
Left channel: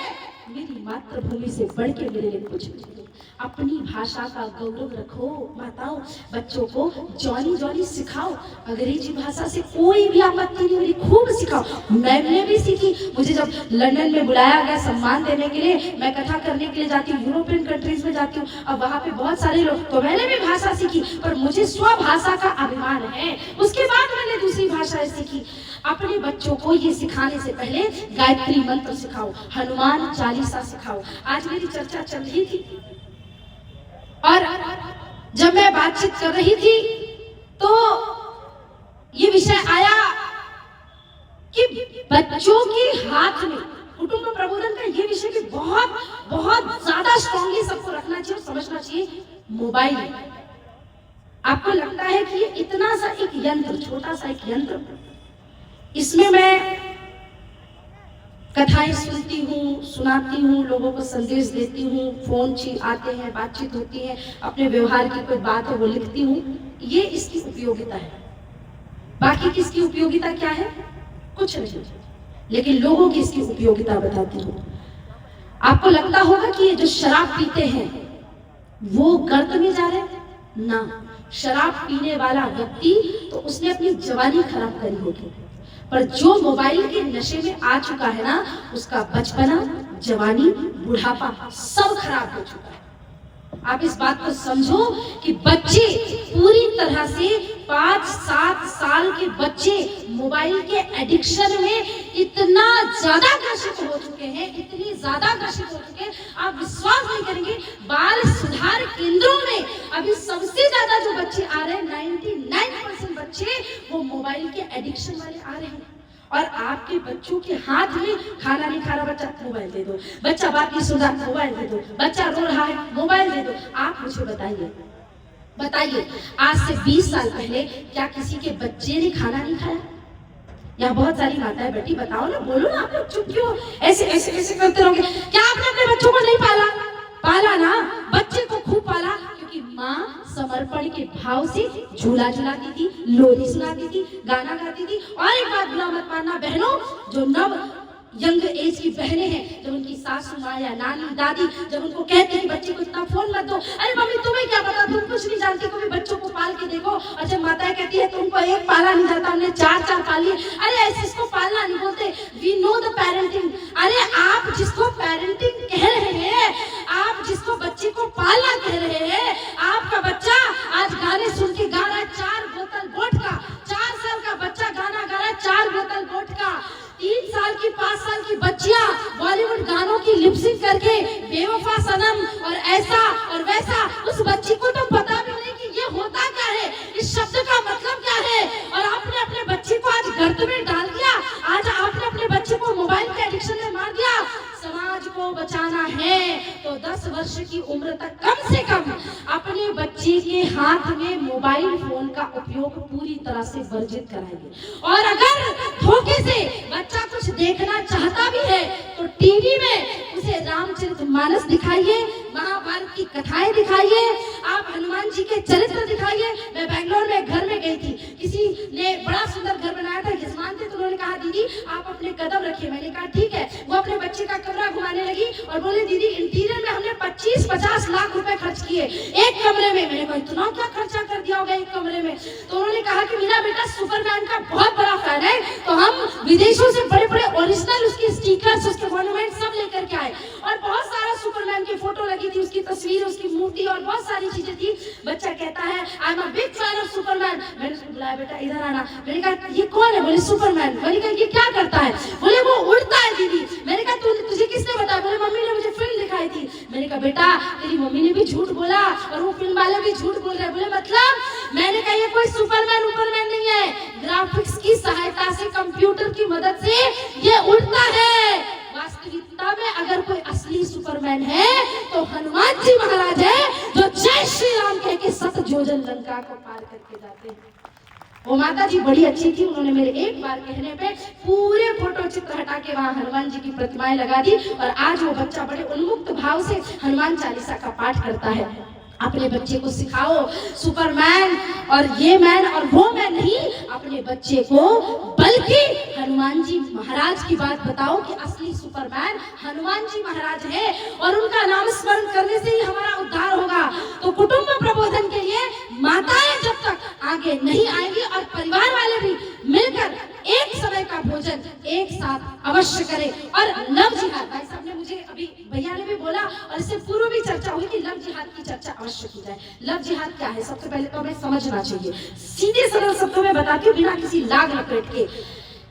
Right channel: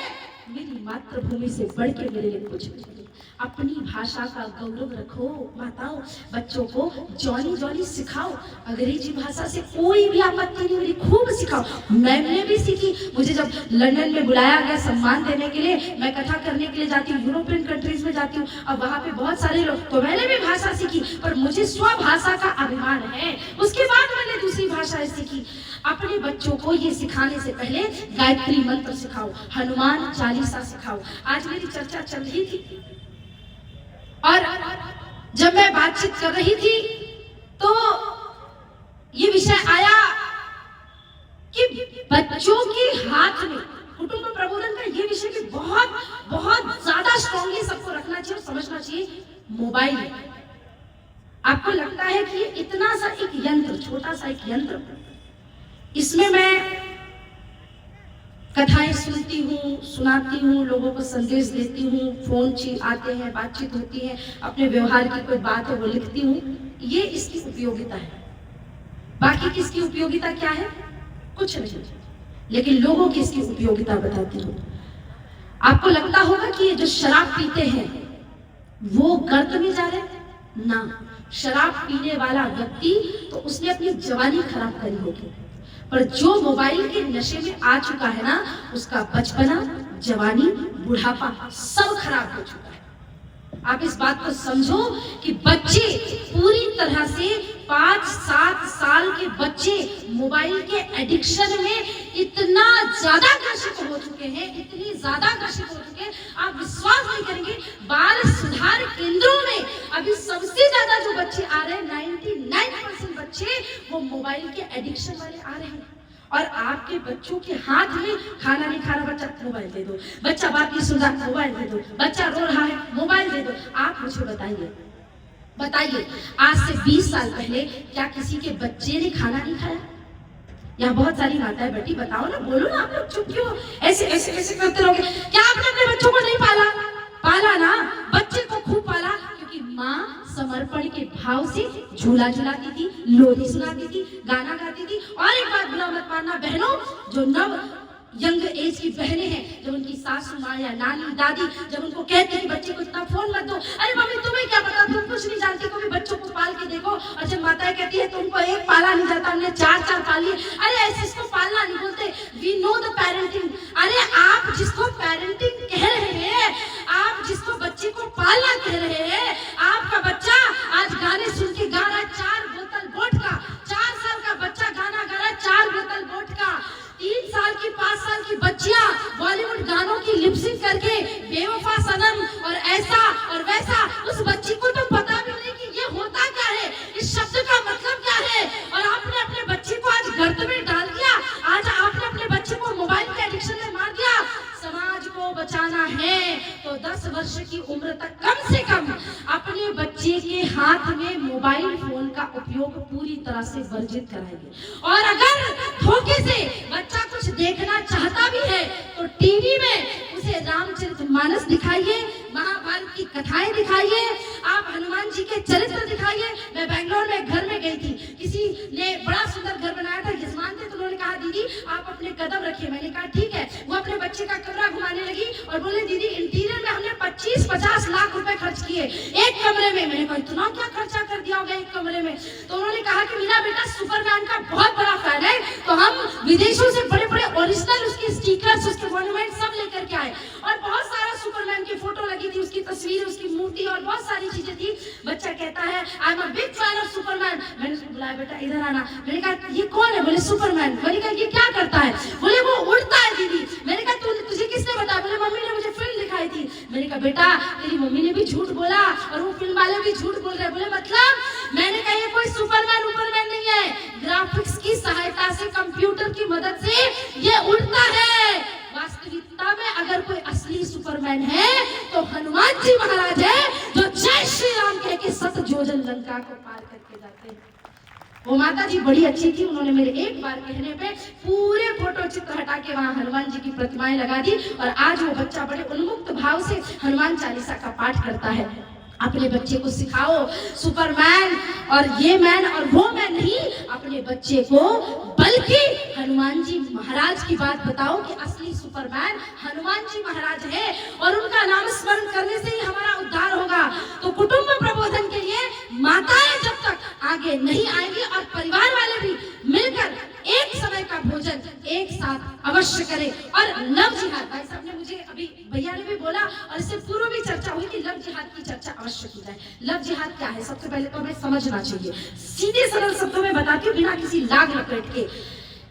मेरी मातृभूमि से बढ़ के मेरे लिए कुछ नहीं। अपनी भाषा का गौरव रखो। माताओं, बच्चों को जॉनी जॉनी सिखाओ। अंग्रेजी भाषा से कोई भी आपत्ति नहीं मेरी, खूब सिखाओ। मैंने भी सीखी। मुझे जब लंदन में बुलाया गया सम्मान देने के लिए, मैं कथा करने के लिए जाती हूँ, यूरोपियन कंट्रीज में जाती हूँ, अब वहाँ पे बहुत सारे लोग, तो मैंने भी भाषा सीखी, पर मुझे स्वभाषा का अभिमान है। उसके बाद मैंने दूसरी भाषाएं सीखी। अपने बच्चों को ये सिखाने से पहले गायत्री मंत्र सिखाओ, हनुमान चालीसा सिखाओ। आज मेरी चर्चा चल रही थी और जब मैं बातचीत कर रही थी तो ये विषय आया कि बच्चों के हाथ में कुटुंब प्रबोधन का ये विषय भी बहुत बहुत ज्यादा स्ट्रांगली सबको रखना चाहिए और समझना चाहिए। मोबाइल, आपको लगता है कि ये इतना सा एक यंत्र, छोटा सा एक यंत्र, इसमें मैं कथाएं सुनती हूँ, सुनाती हूँ, लोगों को संदेश देती हूँ, फोन आते हैं, बातचीत होती है, अपने व्यवहार की कोई बात है वो लिखती हूँ, ये इसकी उपयोगिता है। बाकी की इसकी उपयोगिता क्या है? कुछ नहीं, लेकिन लोगों की इसकी उपयोगिता बताती हूँ। आपको लगता होगा कि ये जो शराब पीते हैं वो गर्त में जा रहे हैं ना। शराब पीने वाला व्यक्ति तो उसने अपनी जवानी खराब करी होगी, पर जो मोबाइल के नशे में आ चुका है ना, उसका बचपना, जवानी, बुढ़ापा सब खराब हो चुका है। आप इस बात को समझो कि बच्चे पूरी तरह से 5-7 साल के बच्चे मोबाइल के एडिक्शन में इतना ज्यादा ग्रसित हो चुके हैं, इतनी ज्यादा ग्रसित हो चुके हैं, आप विश्वास नहीं करेंगे। बाल सुधार केंद्रों में अभी सबसे ज्यादा जो बच्चे आ रहे हैं, 99% बच्चे वो मोबाइल के एडिक्शन वाले आ रहे हैं। और आपके बच्चों के हाथ में खाना नहीं खा रहा बच्चा, मोबाइल दे दो। बच्चा बात नहीं सुन रहा, मोबाइल दे दो। बच्चा रो रहा है, मोबाइल दे दो। आप मुझे बताइए, आज से 20 साल पहले क्या किसी के बच्चे ने खाना नहीं खाया? यहाँ बहुत सारी माताएं बैठी, बताओ ना, बोलो ना, आप लोग चुप क्यों ऐसे ऐसे ऐसे करते रहोगे? क्या आपने अपने बच्चों को नहीं पाला ना? बच्चे को खूब पाला, क्योंकि माँ समर्पण के भाव से झूला झुलाती थी, लोरी सुनाती थी, गाना गाती थी। और एक बात बुरा मत मानना बहनों, जो नव यंग एज की बहनें हैं, जब उनकी सासू माँ या नानी दादी जब उनको कहते हैं बच्चे को इतना फोन मत दो, अरे मम्मी तुम्हें क्या पता, तुम कुछ नहीं जानती, कभी बच्चों को पाल के देखो। और जब माताएं कहती है तुमको एक पाला नहीं जाता, हमने 4 पाली, अरे ऐसे इसको पालना नहीं बोलते, वी नो द पेरेंटिंग। अरे आप जिसको पेरेंटिंग कह रहे हैं, आप जिसको बच्चे को पालना कह रहे हैं, आपका बच्चा आज गाने सुन के गा रहा है 4 बोतल वोडका। 4 साल का बच्चा गाना गा रहा है 4 बोतल वोडका। 3 साल की 5 साल की बच्चियां बॉलीवुड गानों की लिपसिंग करके बेवफा सनम और ऐसा और वैसा, उस बच्ची को तो पता भी नहीं कि ये होता क्या है, इस शब्द का मतलब क्या है। और आपने अपने बच्चे को आज गर्त में डाल दिया, आज आपने अपने बच्चे को मोबाइल के एडिक्शन में मार दिया। समाज को बचाना है तो 10 वर्ष की उम्र तक कम से कम अपने बच्चे के हाथ में मोबाइल फोन का उपयोग पूरी तरह से वर्जित कराएंगे। और अगर धोखे से बच्चा कुछ देखना चाहता भी है तो टीवी में उसे रामचरितमानस दिखाइए, महाभारत की कथाएं दिखाइए, आप हनुमान जी के चरित्र दिखाइए। मैं बेंगलोर में घर में गई थी, किसी ने बड़ा सुंदर घर बनाया था, यजमान थे, तो उन्होंने कहा दीदी आप अपने कदम रखिए। मैंने कहा ठीक है। वो अपने बच्चे का कमरा घुमाने लगी और बोले दीदी इंटीरियर में हमने 25-50 लाख रुपए खर्च किए एक कमरे में। मैंने कहा इतना क्या खर्चा कर दिया होगा एक कमरे में? तो उन्होंने कहा कि मेरा बेटा सुपरमैन का बहुत बड़ा फैन है, तो हम विदेशों से बड़े बड़े ओरिजिनल उसके स्टिकर्स, उसके मॉन्यूमेंट सब लेकर के आए और बहुत सारा सुपरमैन की फोटो लगी थी, उसकी तस्वीर, उसकी मूर्ति और बहुत सारी चीजें थी। बच्चा कहता है I am a big fan of Superman. मैंने उसको बुलाया, बेटा इधर आना। मैंने कहा ये कौन है? बोले सुपरमैन। मैंने कहा ये क्या करता है? बोले वो उड़ता है दीदी। मैंने कहा तुझे किसने बताया? बोले मम्मी ने मुझे फिल्म दिखाई थी। मैंने कहा बेटा तेरी मम्मी ने भी झूठ बोला और वो फिल्म वाले भी झूठ बोल रहे। बोले मतलब? मैंने कहा ये कोई सुपरमैन नहीं है, ग्राफिक्स की सहायता से, कंप्यूटर की मदद से ये उड़ता है। वास्तविकता में अगर कोई असली सुपरमैन है तो हनुमान जी महाराज है, जो जय श्री राम कह के 7 योजन लंका को पार करके जाते हैं। वो माता जी बड़ी अच्छी थी, उन्होंने मेरे एक बार कहने पे पूरे फोटो चित्र हटा के वहां हनुमान जी की प्रतिमाएं लगा दी और आज वो बच्चा बड़े उन्मुक्त भाव से हनुमान चालीसा का पाठ करता है। अपने बच्चे को सिखाओ सुपरमैन और ये मैन और वो मैन नहीं, अपने बच्चे को बल्कि हनुमान जी महाराज की बात बताओ कि असली सुपरमैन हनुमान जी महाराज है और उनका नाम स्मरण करने से ही हमारा उद्धार होगा। तो कुटुंब प्रबोधन के लिए माताएं जब तक आगे नहीं आएंगी और परिवार वाले भी मिलकर एक समय का भोजन एक साथ अवश्य करें। और लव जिहाद, भाई साहब ने मुझे अभी भैया ने भी बोला और इससे पूर्व भी चर्चा हुई कि लव जिहाद की चर्चा अवश्य की जाए। लव जिहाद क्या है? सबसे पहले तो हमें समझना चाहिए, सीधे सरल शब्दों में बताती हूँ बिना किसी लाग लपेट के।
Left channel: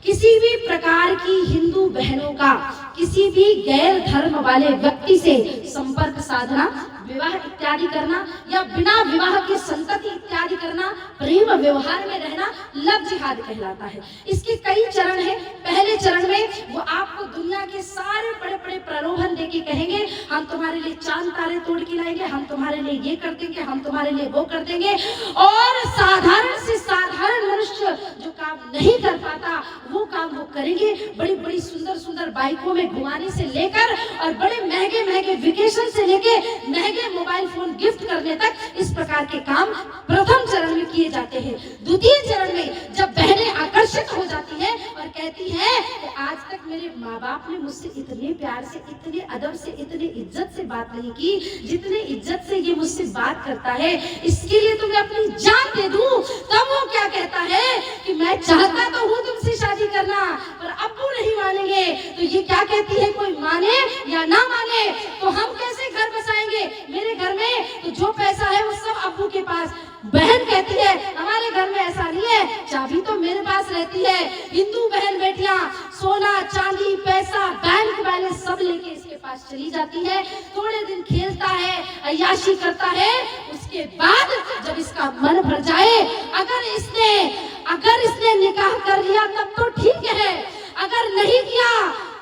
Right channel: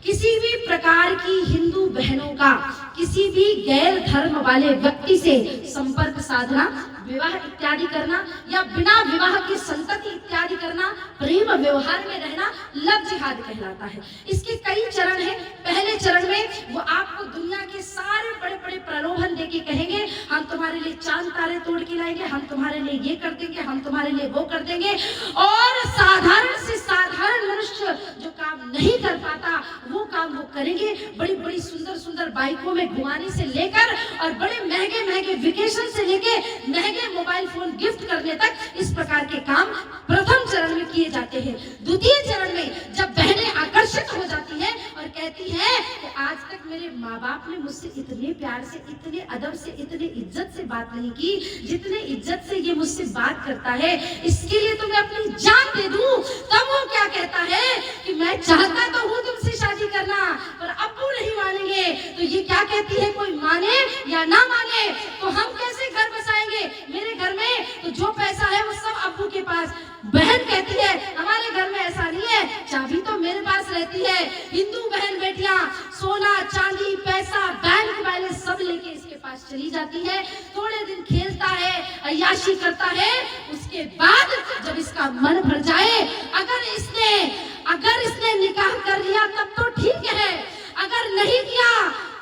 किसी भी प्रकार की हिंदू बहनों का किसी भी गैर धर्म वाले व्यक्ति से संपर्क साधना, विवाह इत्यादि करना या बिना विवाह के संतति इत्यादि करना, प्रेम व्यवहार में रहना लव जिहाद कहलाता है। इसके कई चरण हैं। पहले चरण में वो आपको दुनिया के सारे बड़े बड़े प्रलोभन देके कहेंगे हम तुम्हारे लिए चांद तारे तोड़ के लाएंगे, हम तुम्हारे लिए ये कर देंगे, हम तुम्हारे लिए वो कर देंगे। और साधारण से साधारण मनुष्य जो काम नहीं कर पाता वो काम वो करेंगे। बड़ी बड़ी सुंदर सुंदर बाइकों में घुमाने से लेकर और बड़े महंगे महंगे वेकेशन से लेके महंगे मोबाइल फोन गिफ्ट करने तक इस प्रकार के काम प्रथम चरण में किए जाते हैं। द्वितीय चरण में जब बहनें आकर्षित हो जाती हैं और कहती हैं कि आज तक मेरे माँ बाप ने मुझसे इतने प्यार से, इतने अदब से, इतने इज्जत से बात नहीं की जितने इज्जत से ये मुझसे बात करता है, इसके लिए तो मैं अपनी जान दे दूं। तब वो क्या कहता है कि मैं चाहता तो हूँ तुमसे शादी करना पर अब्बू नहीं मानेंगे। तो ये क्या कहती है, कोई माने या ना माने तो हम कैसे घर बसाएंगे? मेरे घर में तो जो पैसा है वो सब अब्बू के पास। बहन कहती है हमारे घर में ऐसा नहीं है, चाबी तो मेरे पास रहती है। हिंदू बहन बेटियां सोना चांदी पैसा बैंक बैलेंस सब लेके इसके पास चली जाती है। थोड़े दिन खेलता है, अय्याशी करता है, उसके बाद जब इसका मन भर जाए, अगर इसने निकाह कर लिया तब तो ठीक है, अगर नहीं किया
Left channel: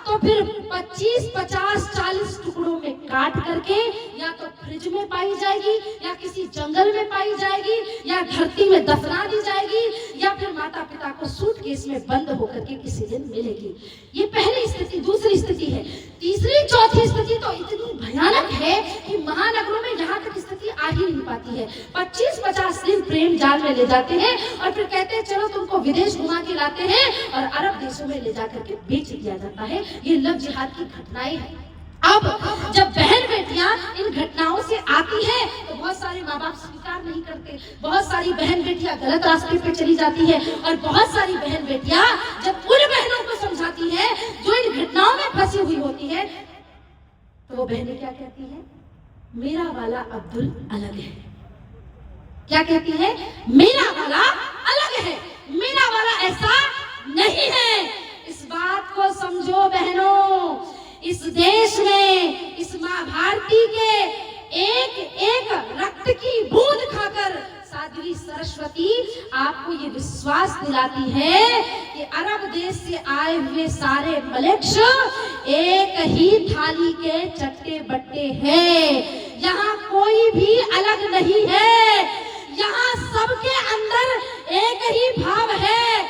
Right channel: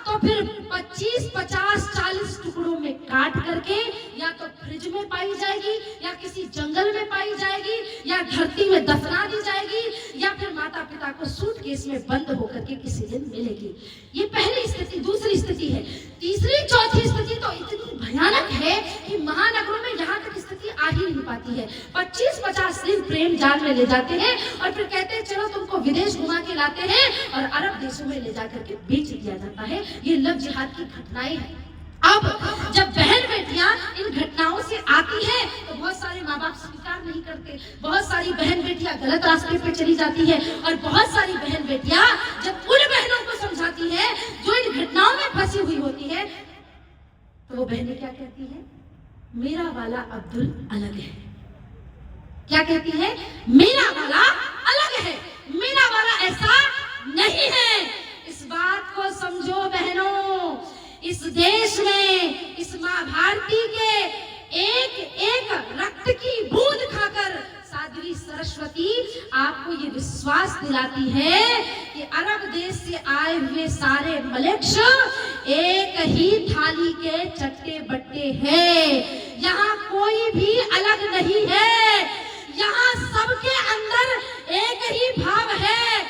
तो फिर 25, 50, 40 टुकड़ों में काट करके या तो फ्रिज में पाई जाएगी या किसी जंगल में पाई जाएगी या धरती में दफना दी जाएगी या फिर माता पिता को सूटकेस में बंद होकर के किसी दिन मिलेगी। ये पहली स्थिति। दूसरी स्थिति है, तीसरी चौथी स्थिति तो इतनी भयानक है कि महानगरों में यहाँ तक स्थिति आ ही नहीं पाती है। 25-50 दिन प्रेम जाल में ले जाते हैं और फिर कहते हैं चलो तुमको विदेश घुमा के लाते हैं और अरब देशों में ले जाकर के बेच दिया जाता है। ये लव जिहाद की घटनाएं हैं। अब जब बहन बेटियां इन घटनाओं से आती हैं तो बहुत सारे माँ बाप स्वीकार नहीं करते, बहुत सारी बहन बेटियां गलत रास्ते पे चली जाती है और बहुत सारी बहन बेटियां जब उन बहनों को समझाती हैं जो इन घटनाओं में फंसी हुई होती है तो वो बहनें क्या कहती हैं, मेरा वाला अब्दुल अलग है। क्या कहती है, मेरा वाला अलग है, मेरा वाला ऐसा नहीं है। इस बात को समझो बहनों, इस देश में इस माँ भारती के एक एक रक्त की बूंद खाकर साध्वी सरस्वती आपको ये विश्वास दिलाती है कि अरब देश से आए हुए सारे मलेच्छ एक ही थाली के चट्टे बट्टे हैं। यहाँ कोई भी अलग नहीं है, यहाँ सबके अंदर एक ही भाव है।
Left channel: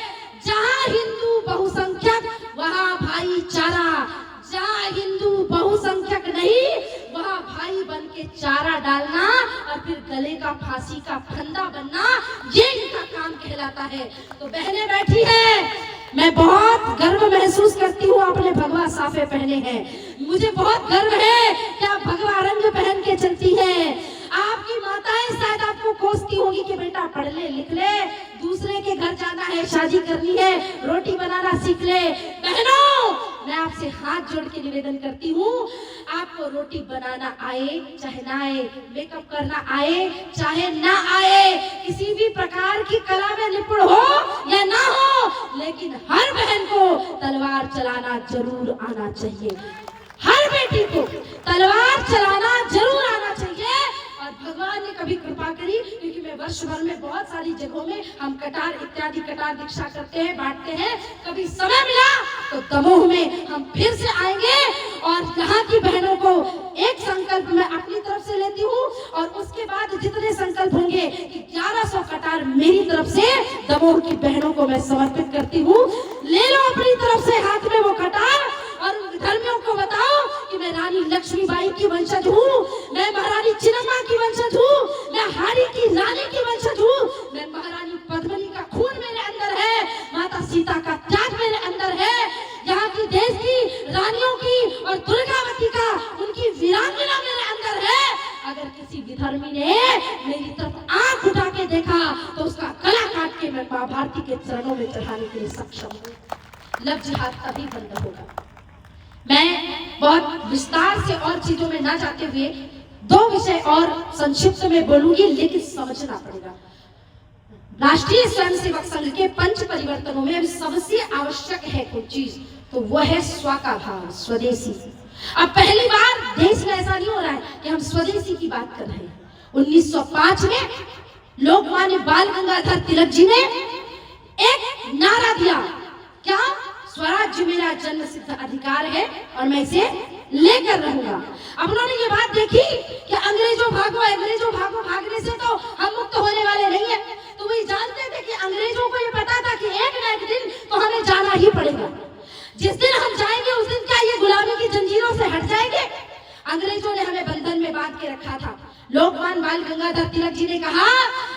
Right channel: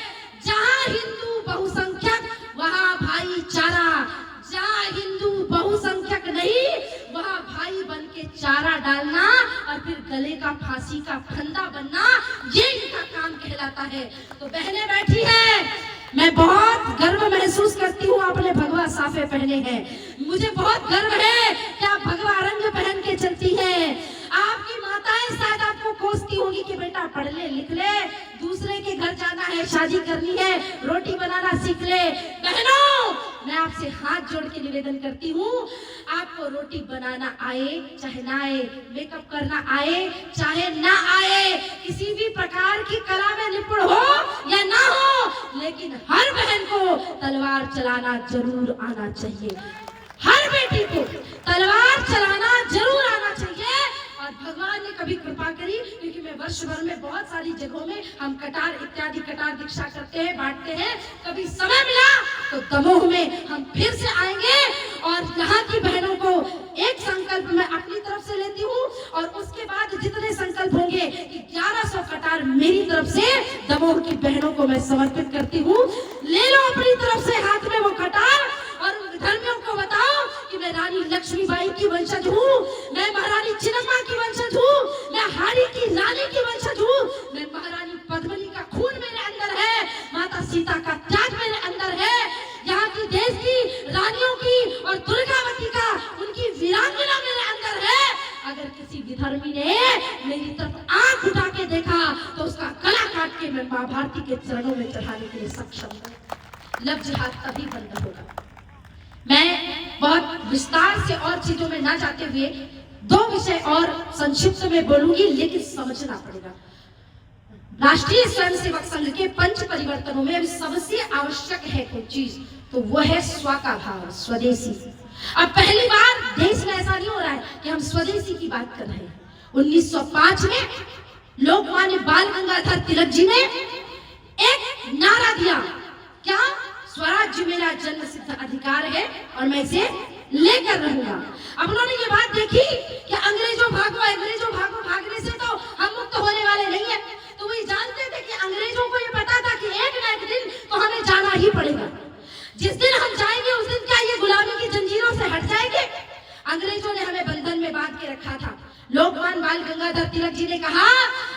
जहाँ हिंदू बहुसंख्यक वहाँ भाईचारा, जहाँ हिंदू बहुसंख्यक फांसी का फंदा बनना, ये इनका काम कहलाता है। तो बहनें बैठी हैं, मैं बहुत गर्व महसूस करती हूँ आपने भगवा साफे पहने हैं। मुझे बहुत गर्व है कि आप भगवा रंग पहन के चलती हैं। आपकी माताएं शायद आपको कोसती होगी कि बेटा पढ़ ले लिख ले, दूसरे के घर जाना है, शादी करनी है, रोटी बनाना सीख ले। बहनों, मैं आपसे हाथ जोड़ के निवेदन करती हूँ, आपको रोटी बनाना आए चाहे ना आए, मेकअप करना आए चाहे ना आए, किसी भी प्रकार की कला में निपुण हो या ना हो, लेकिन हर बहन को तलवार चलाना जरूर आना चाहिए। हर बेटी को तलवार चलाना जरूर आना चाहिए। और भगवान ने कभी कृपा करी, क्योंकि मैं वर्ष भर में बहुत सारी जगहों में हम कटार इत्यादि कटार दीक्षा करते हैं, बांटते हैं। कभी समय मिला तो दमोह में हम फिर से आएंगे और यहाँ की बहनों को एक संकल्प मैं अपनी तरफ से लेती हूँ, और उसके बाद जितने संकल्प होंगे कि 1100 कटार मेरी तरफ से दमोह की बहनों को मैं समर्पित करती हूँ। ले लो अपनी तरफ से हाथ में वो कटार और धर्मियों को बताओ कि मैं रानी लक्ष्मीबाई की वंशज हूँ, मैं महारानी चिन्नम्मा की वंशज हूँ, मैं हारी की रानी की वंशज हूँ, मैं महारानी पद्मिनी का खून मेरे अंदर है, माता सीता का त्याग मेरे अंदर है, यहाँ की देश की रानियों की और दुर्गावती का उनकी वीरांगना मेरे अंदर है। अगर किसी विधर्मी ने मेरी तरफ आंख उठा के देखा तो उसका गला काट के मैं मां भारती के चरणों में चढ़ाने के लिए सक्षम हूँ। लव जिहाद तभी बंद होगा। मैं बहुत विस्तार से और चीजों में ना जाते हुए 2 विषय और संक्षिप्त में बोलूंगी, लेकिन समझना पड़ेगा। राष्ट्रीय स्वयंसेवक संघ के 5 परिवर्तनों में अभी सबसे आवश्यक है कोई चीज, तो वो है स्व का भाव, स्वदेशी। अब पहली बार देश में ऐसा नहीं हो रहा है कि हम स्वदेशी की बात कर रहे हैं। 1905 में लोकमान्य बाल गंगाधर तिलक जी ने एक नारा दिया, क्या? स्वराज्य मेरा जन्म सिद्ध अधिकार है और मैं इसे लेकर रहूंगा। अब उन्होंने ये बात देखी कि अंग्रेजों भागो, अंग्रेजों भागो, भागने से तो हम मुक्त होने वाले नहीं है। तो वही जानते थे कि अंग्रेजों को ये पता था कि एक ना एक दिन तो हमें जाना ही पड़ेगा। जिस दिन हम जाएंगे उस दिन क्या ये गुलामी की जंजीरों से हट जाएंगे? अंग्रेजों ने हमें बंधन में बांध के रखा था। लोकमान्य बाल गंगाधर तिलक जी ने कहा,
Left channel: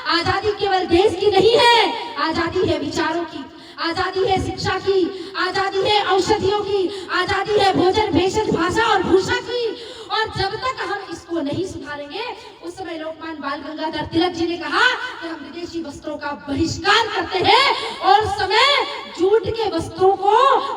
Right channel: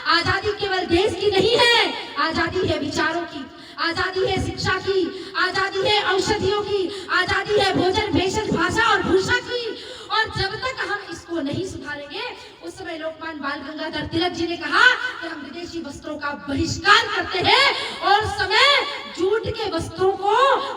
आजादी केवल देश की नहीं है, आजादी है विचारों की, आजादी है शिक्षा की, आजादी है औषधियों की, आजादी है भोजन भेषज भाषा और भूषा की। और जब तक हम इसको नहीं सुधारेंगे, उस समय लोकमान्य बाल गंगाधर तिलक जी ने कहा कि हम विदेशी वस्त्रों का बहिष्कार करते हैं, और समय जूट के वस्त्रों को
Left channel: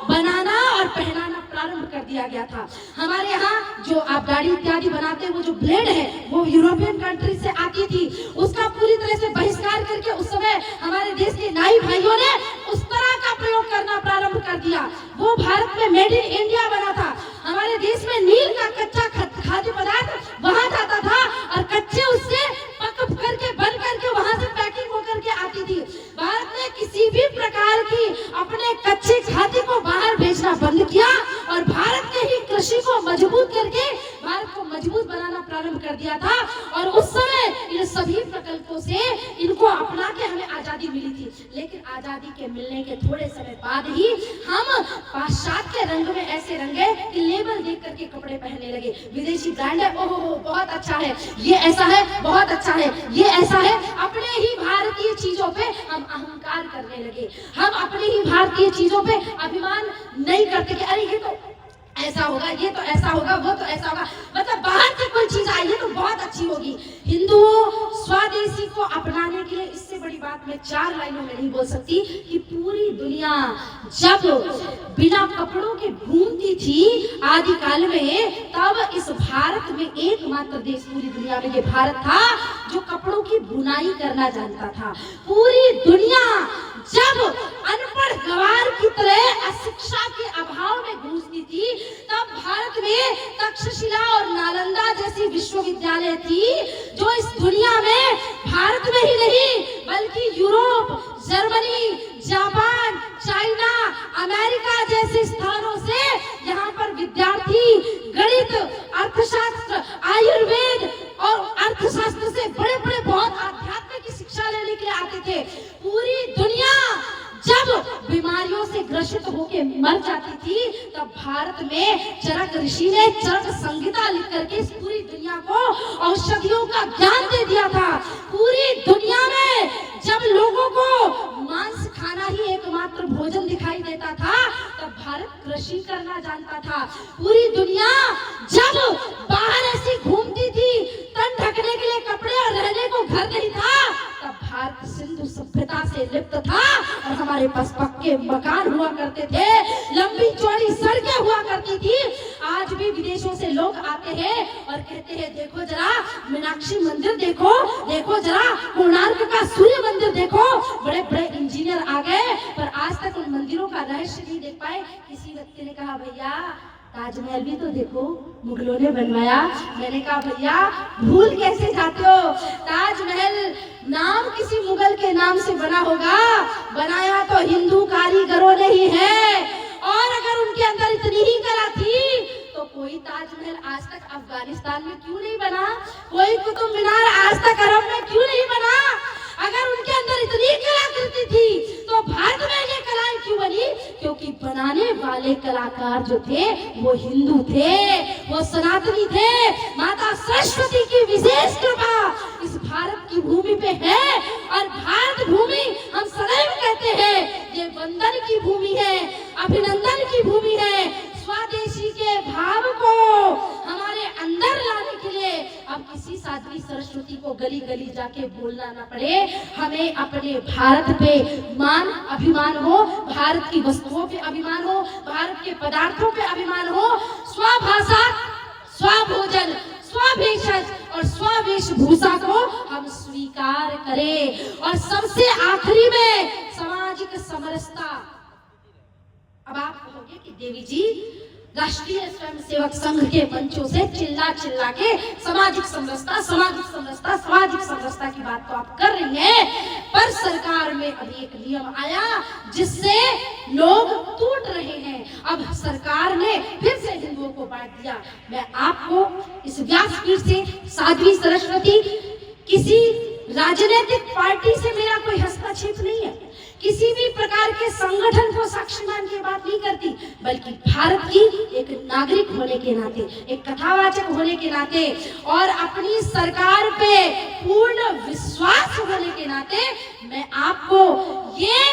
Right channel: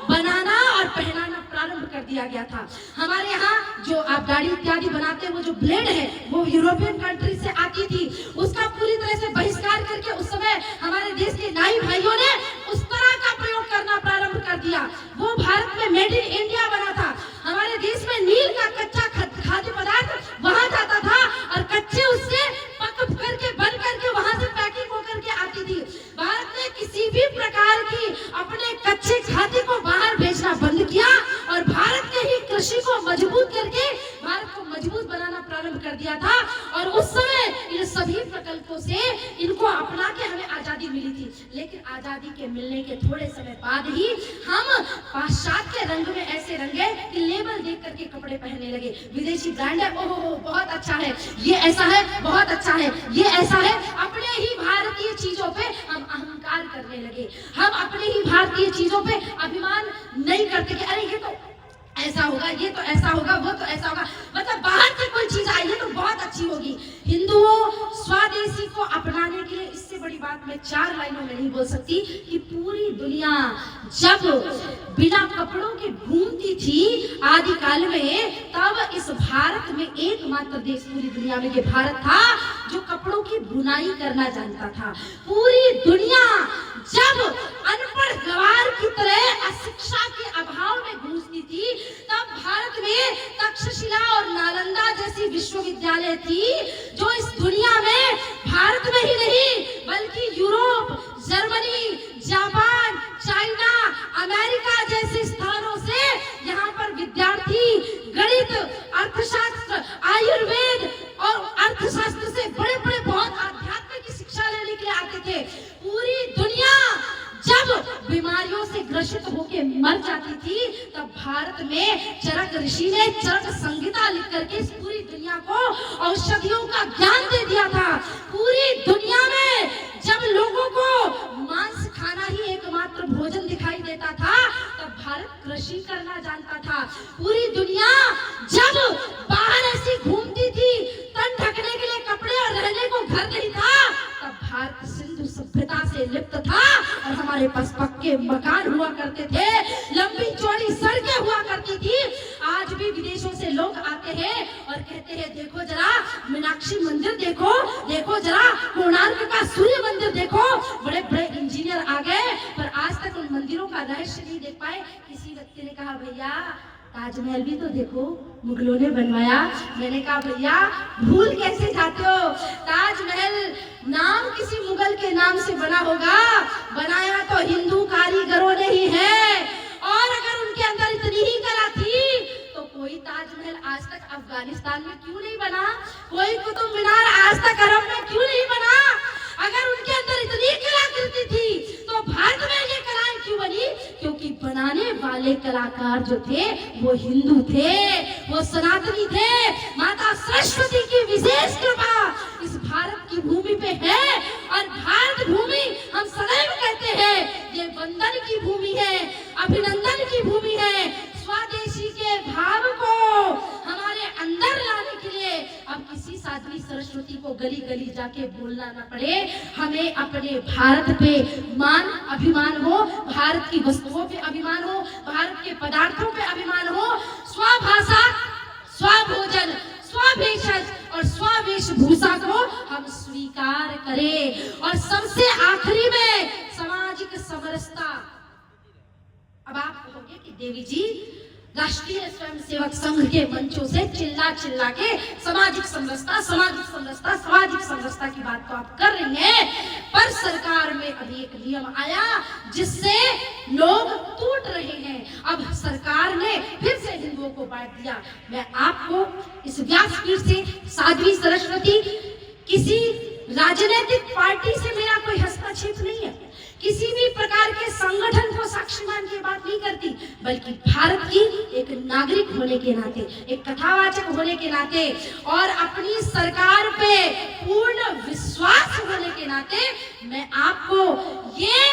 बनाना और पहनाना प्रारंभ कर दिया गया था। हमारे यहाँ जो आप गाड़ी इत्यादि बनाते हैं, वो जो ब्लेड है वो यूरोपियन कंट्री से आती थी, उसका पूरी तरह से बहिष्कार करके उस समय हमारे देश के नाई भाइयों ने उस तरह का प्रयोग करना प्रारंभ कर दिया। वो भारत में मेड इन इंडिया बना था। हमारे देश में नील का कच्चा खाद्य पदार्थ वहां जाता था और कच्चे उससे पक करके बन करके वहां से पैकिंग होकर के आती थी। भारत ने किसी भी प्रकार की अपने कच्चे खाद्य को बाहर भेजना बंद किया और भारत के ही कृषि को मजबूत करके भारत को मजबूत बनाना प्रारंभ कर दिया था। और उस समय इन सभी प्रकल्पों से इनको अपना के हमें आजादी मिली थी। लेकिन आजादी के मिलने के थोड़े समय बाद ही हम पाश्चात्य रंग में ऐसे रंगे कि लेबल देख करके कपड़े पहनने लगे। विदेशी ब्रांड है, ओहो बहुत अच्छा है, ये ऐसा है, बहुत अच्छा है, ये ऐसा है। अपने ही भारतीय चीजों पे हम अहंकार करने लगे। हम अपनी ही भारतीय चीजों पे अभिमान नहीं करते कि अरे ये तो ऐसा होगा, ये तो ऐसा होगा, वो तो ऐसा होगा। मतलब बाहर से कोई चीज आई है तो बहुत अच्छी होगी। हिंदुओं स्वदेशी को अपनाने के लिए इससे बड़ी बात मैं 4 लाइनों में नहीं बोल सकती कि पूरी दुनिया जब बिना कपड़ों के घूमती थी आदिकाल में, तब इस भारत में एकमात्र देश पूरी दुनिया में ये भारत था जो कपड़ों की बुनाई करना जानता था। पूरी दुनिया जब अनपढ़ गवार की तरह अशिक्षा के अभाव में घुसती थी, तब भारत में तक्षशिला और नालंदा जैसी विश्वविद्यालय थी जो इस दुनिया में भारत में ही नहीं बल्कि Europe, Germany, Japan, China, America जैसे स्थानों से यहाँ पर विद्यार्थी गणित, अर्थशास्त्र, आयुर्वेद और अर्थशास्त्र से बड़े बड़े बहुत आध्यात्मिक की शिक्षा लेने के लिए आते थे। पूरी दुनिया जब बीमारियों से ग्रसित होकर मर जाती थी, तब भारत में चरक ऋषि ने चरक संहिता लिख करके इस पूरी दुनिया को औषधियों का ज्ञान दे दिया था। पूरी दुनिया में जब लोगों को मांस खाना ही एकमात्र भोजन दिखाई देता था, तब भारत कृषि करना जानता था। पूरी दुनिया जब बाहर ऐसी घूमती थी, तन ढकने के लिए कपड़े और रहने को घर नहीं था, तब भारत सिंधु सभ्यता से लिप्त था और हमारे पास पक्के मकान हुआ करते थे, लंबी चौड़ी सड़कें हुआ करती थी। आज भी विदेशों से लोग आते हैं और कहते हैं देखो जरा मीनाक्षी मंदिर देखो, देखो जरा कोणार्क का सूर्य मंदिर देखो। बड़े बड़े इंजीनियर आ गए पर आज तक उन मंदिरों का रहस्य नहीं देख पाए। किसी व्यक्ति ने कहा भैया ताजमहल भी तो देखो मुगलों ने बनवाया। मैंने कहा भैया भूल कैसे जाते हो, ताजमहल नाम किसी मुगल के नाम से बना होगा, बनाया तो हिंदू कारीगरों ने ही है। और अगर उनके अंदर इतनी ही कला थी तो कोई ताजमहल आज तक अफगानिस्तान में क्यों नहीं बना, कोई कुतुब मीनार आज तक अरब में क्यों नहीं बना। अगर उनके अंदर इतनी कलाकृति थी तो भारत में ये कलाएं क्यों बनी, क्योंकि बनाने वाले कलाकार जो थे वो हिंदू थे, वो सनातनी थे। माता सरस्वती की विशेष कृपा इस भारत की भूमि पे है और भारत भूमि हम सदैव कहते हैं ये वंदन की भूमि है, अभिनंदन की भूमि है। स्वदेशी के भाव को हमारे अंदर लाने के लिए अब किसी साध्वी सरस्वती को गली गली जाके बोलना ना पड़े। हमें अपने भारत पे मान अभिमान हो, भारत की वस्तुओं पे अभिमान हो, भारत के पदार्थों पे अभिमान हो। स्वभाषा, स्वभोजन, स्वभेषज और स्ववेशभूषा को हम स्वीकार करें। और सबसे आखिरी में सामाजिक समरसता। अब आप कहोगे कि देवी जी राष्ट्रीय स्वयंसेवक संघ के मंचों से चिल्ला चिल्ला के सामाजिक समरसता, सामाजिक समरसता, सामाजिक समरसता की बात तो आप कर रही हैं, पर सरकार में अभी एक नियम आया जिससे लोग टूट रहे हैं। अब सरकार ने फिर से हिंदुओं को बांट दिया। मैं आपको इस व्यासपीठ से साध्वी सरस्वती, किसी राजनीतिक पार्टी से मेरा कोई हस्तक्षेप नहीं है, किसी भी प्रकार के संगठन को साक्षी मान के बात नहीं करती, बल्कि भारत की एक नागरिक होने के नाते, एक कथावाचक होने के नाते और अपनी सरकार पे पूर्ण विश्वास होने के नाते मैं आपको ये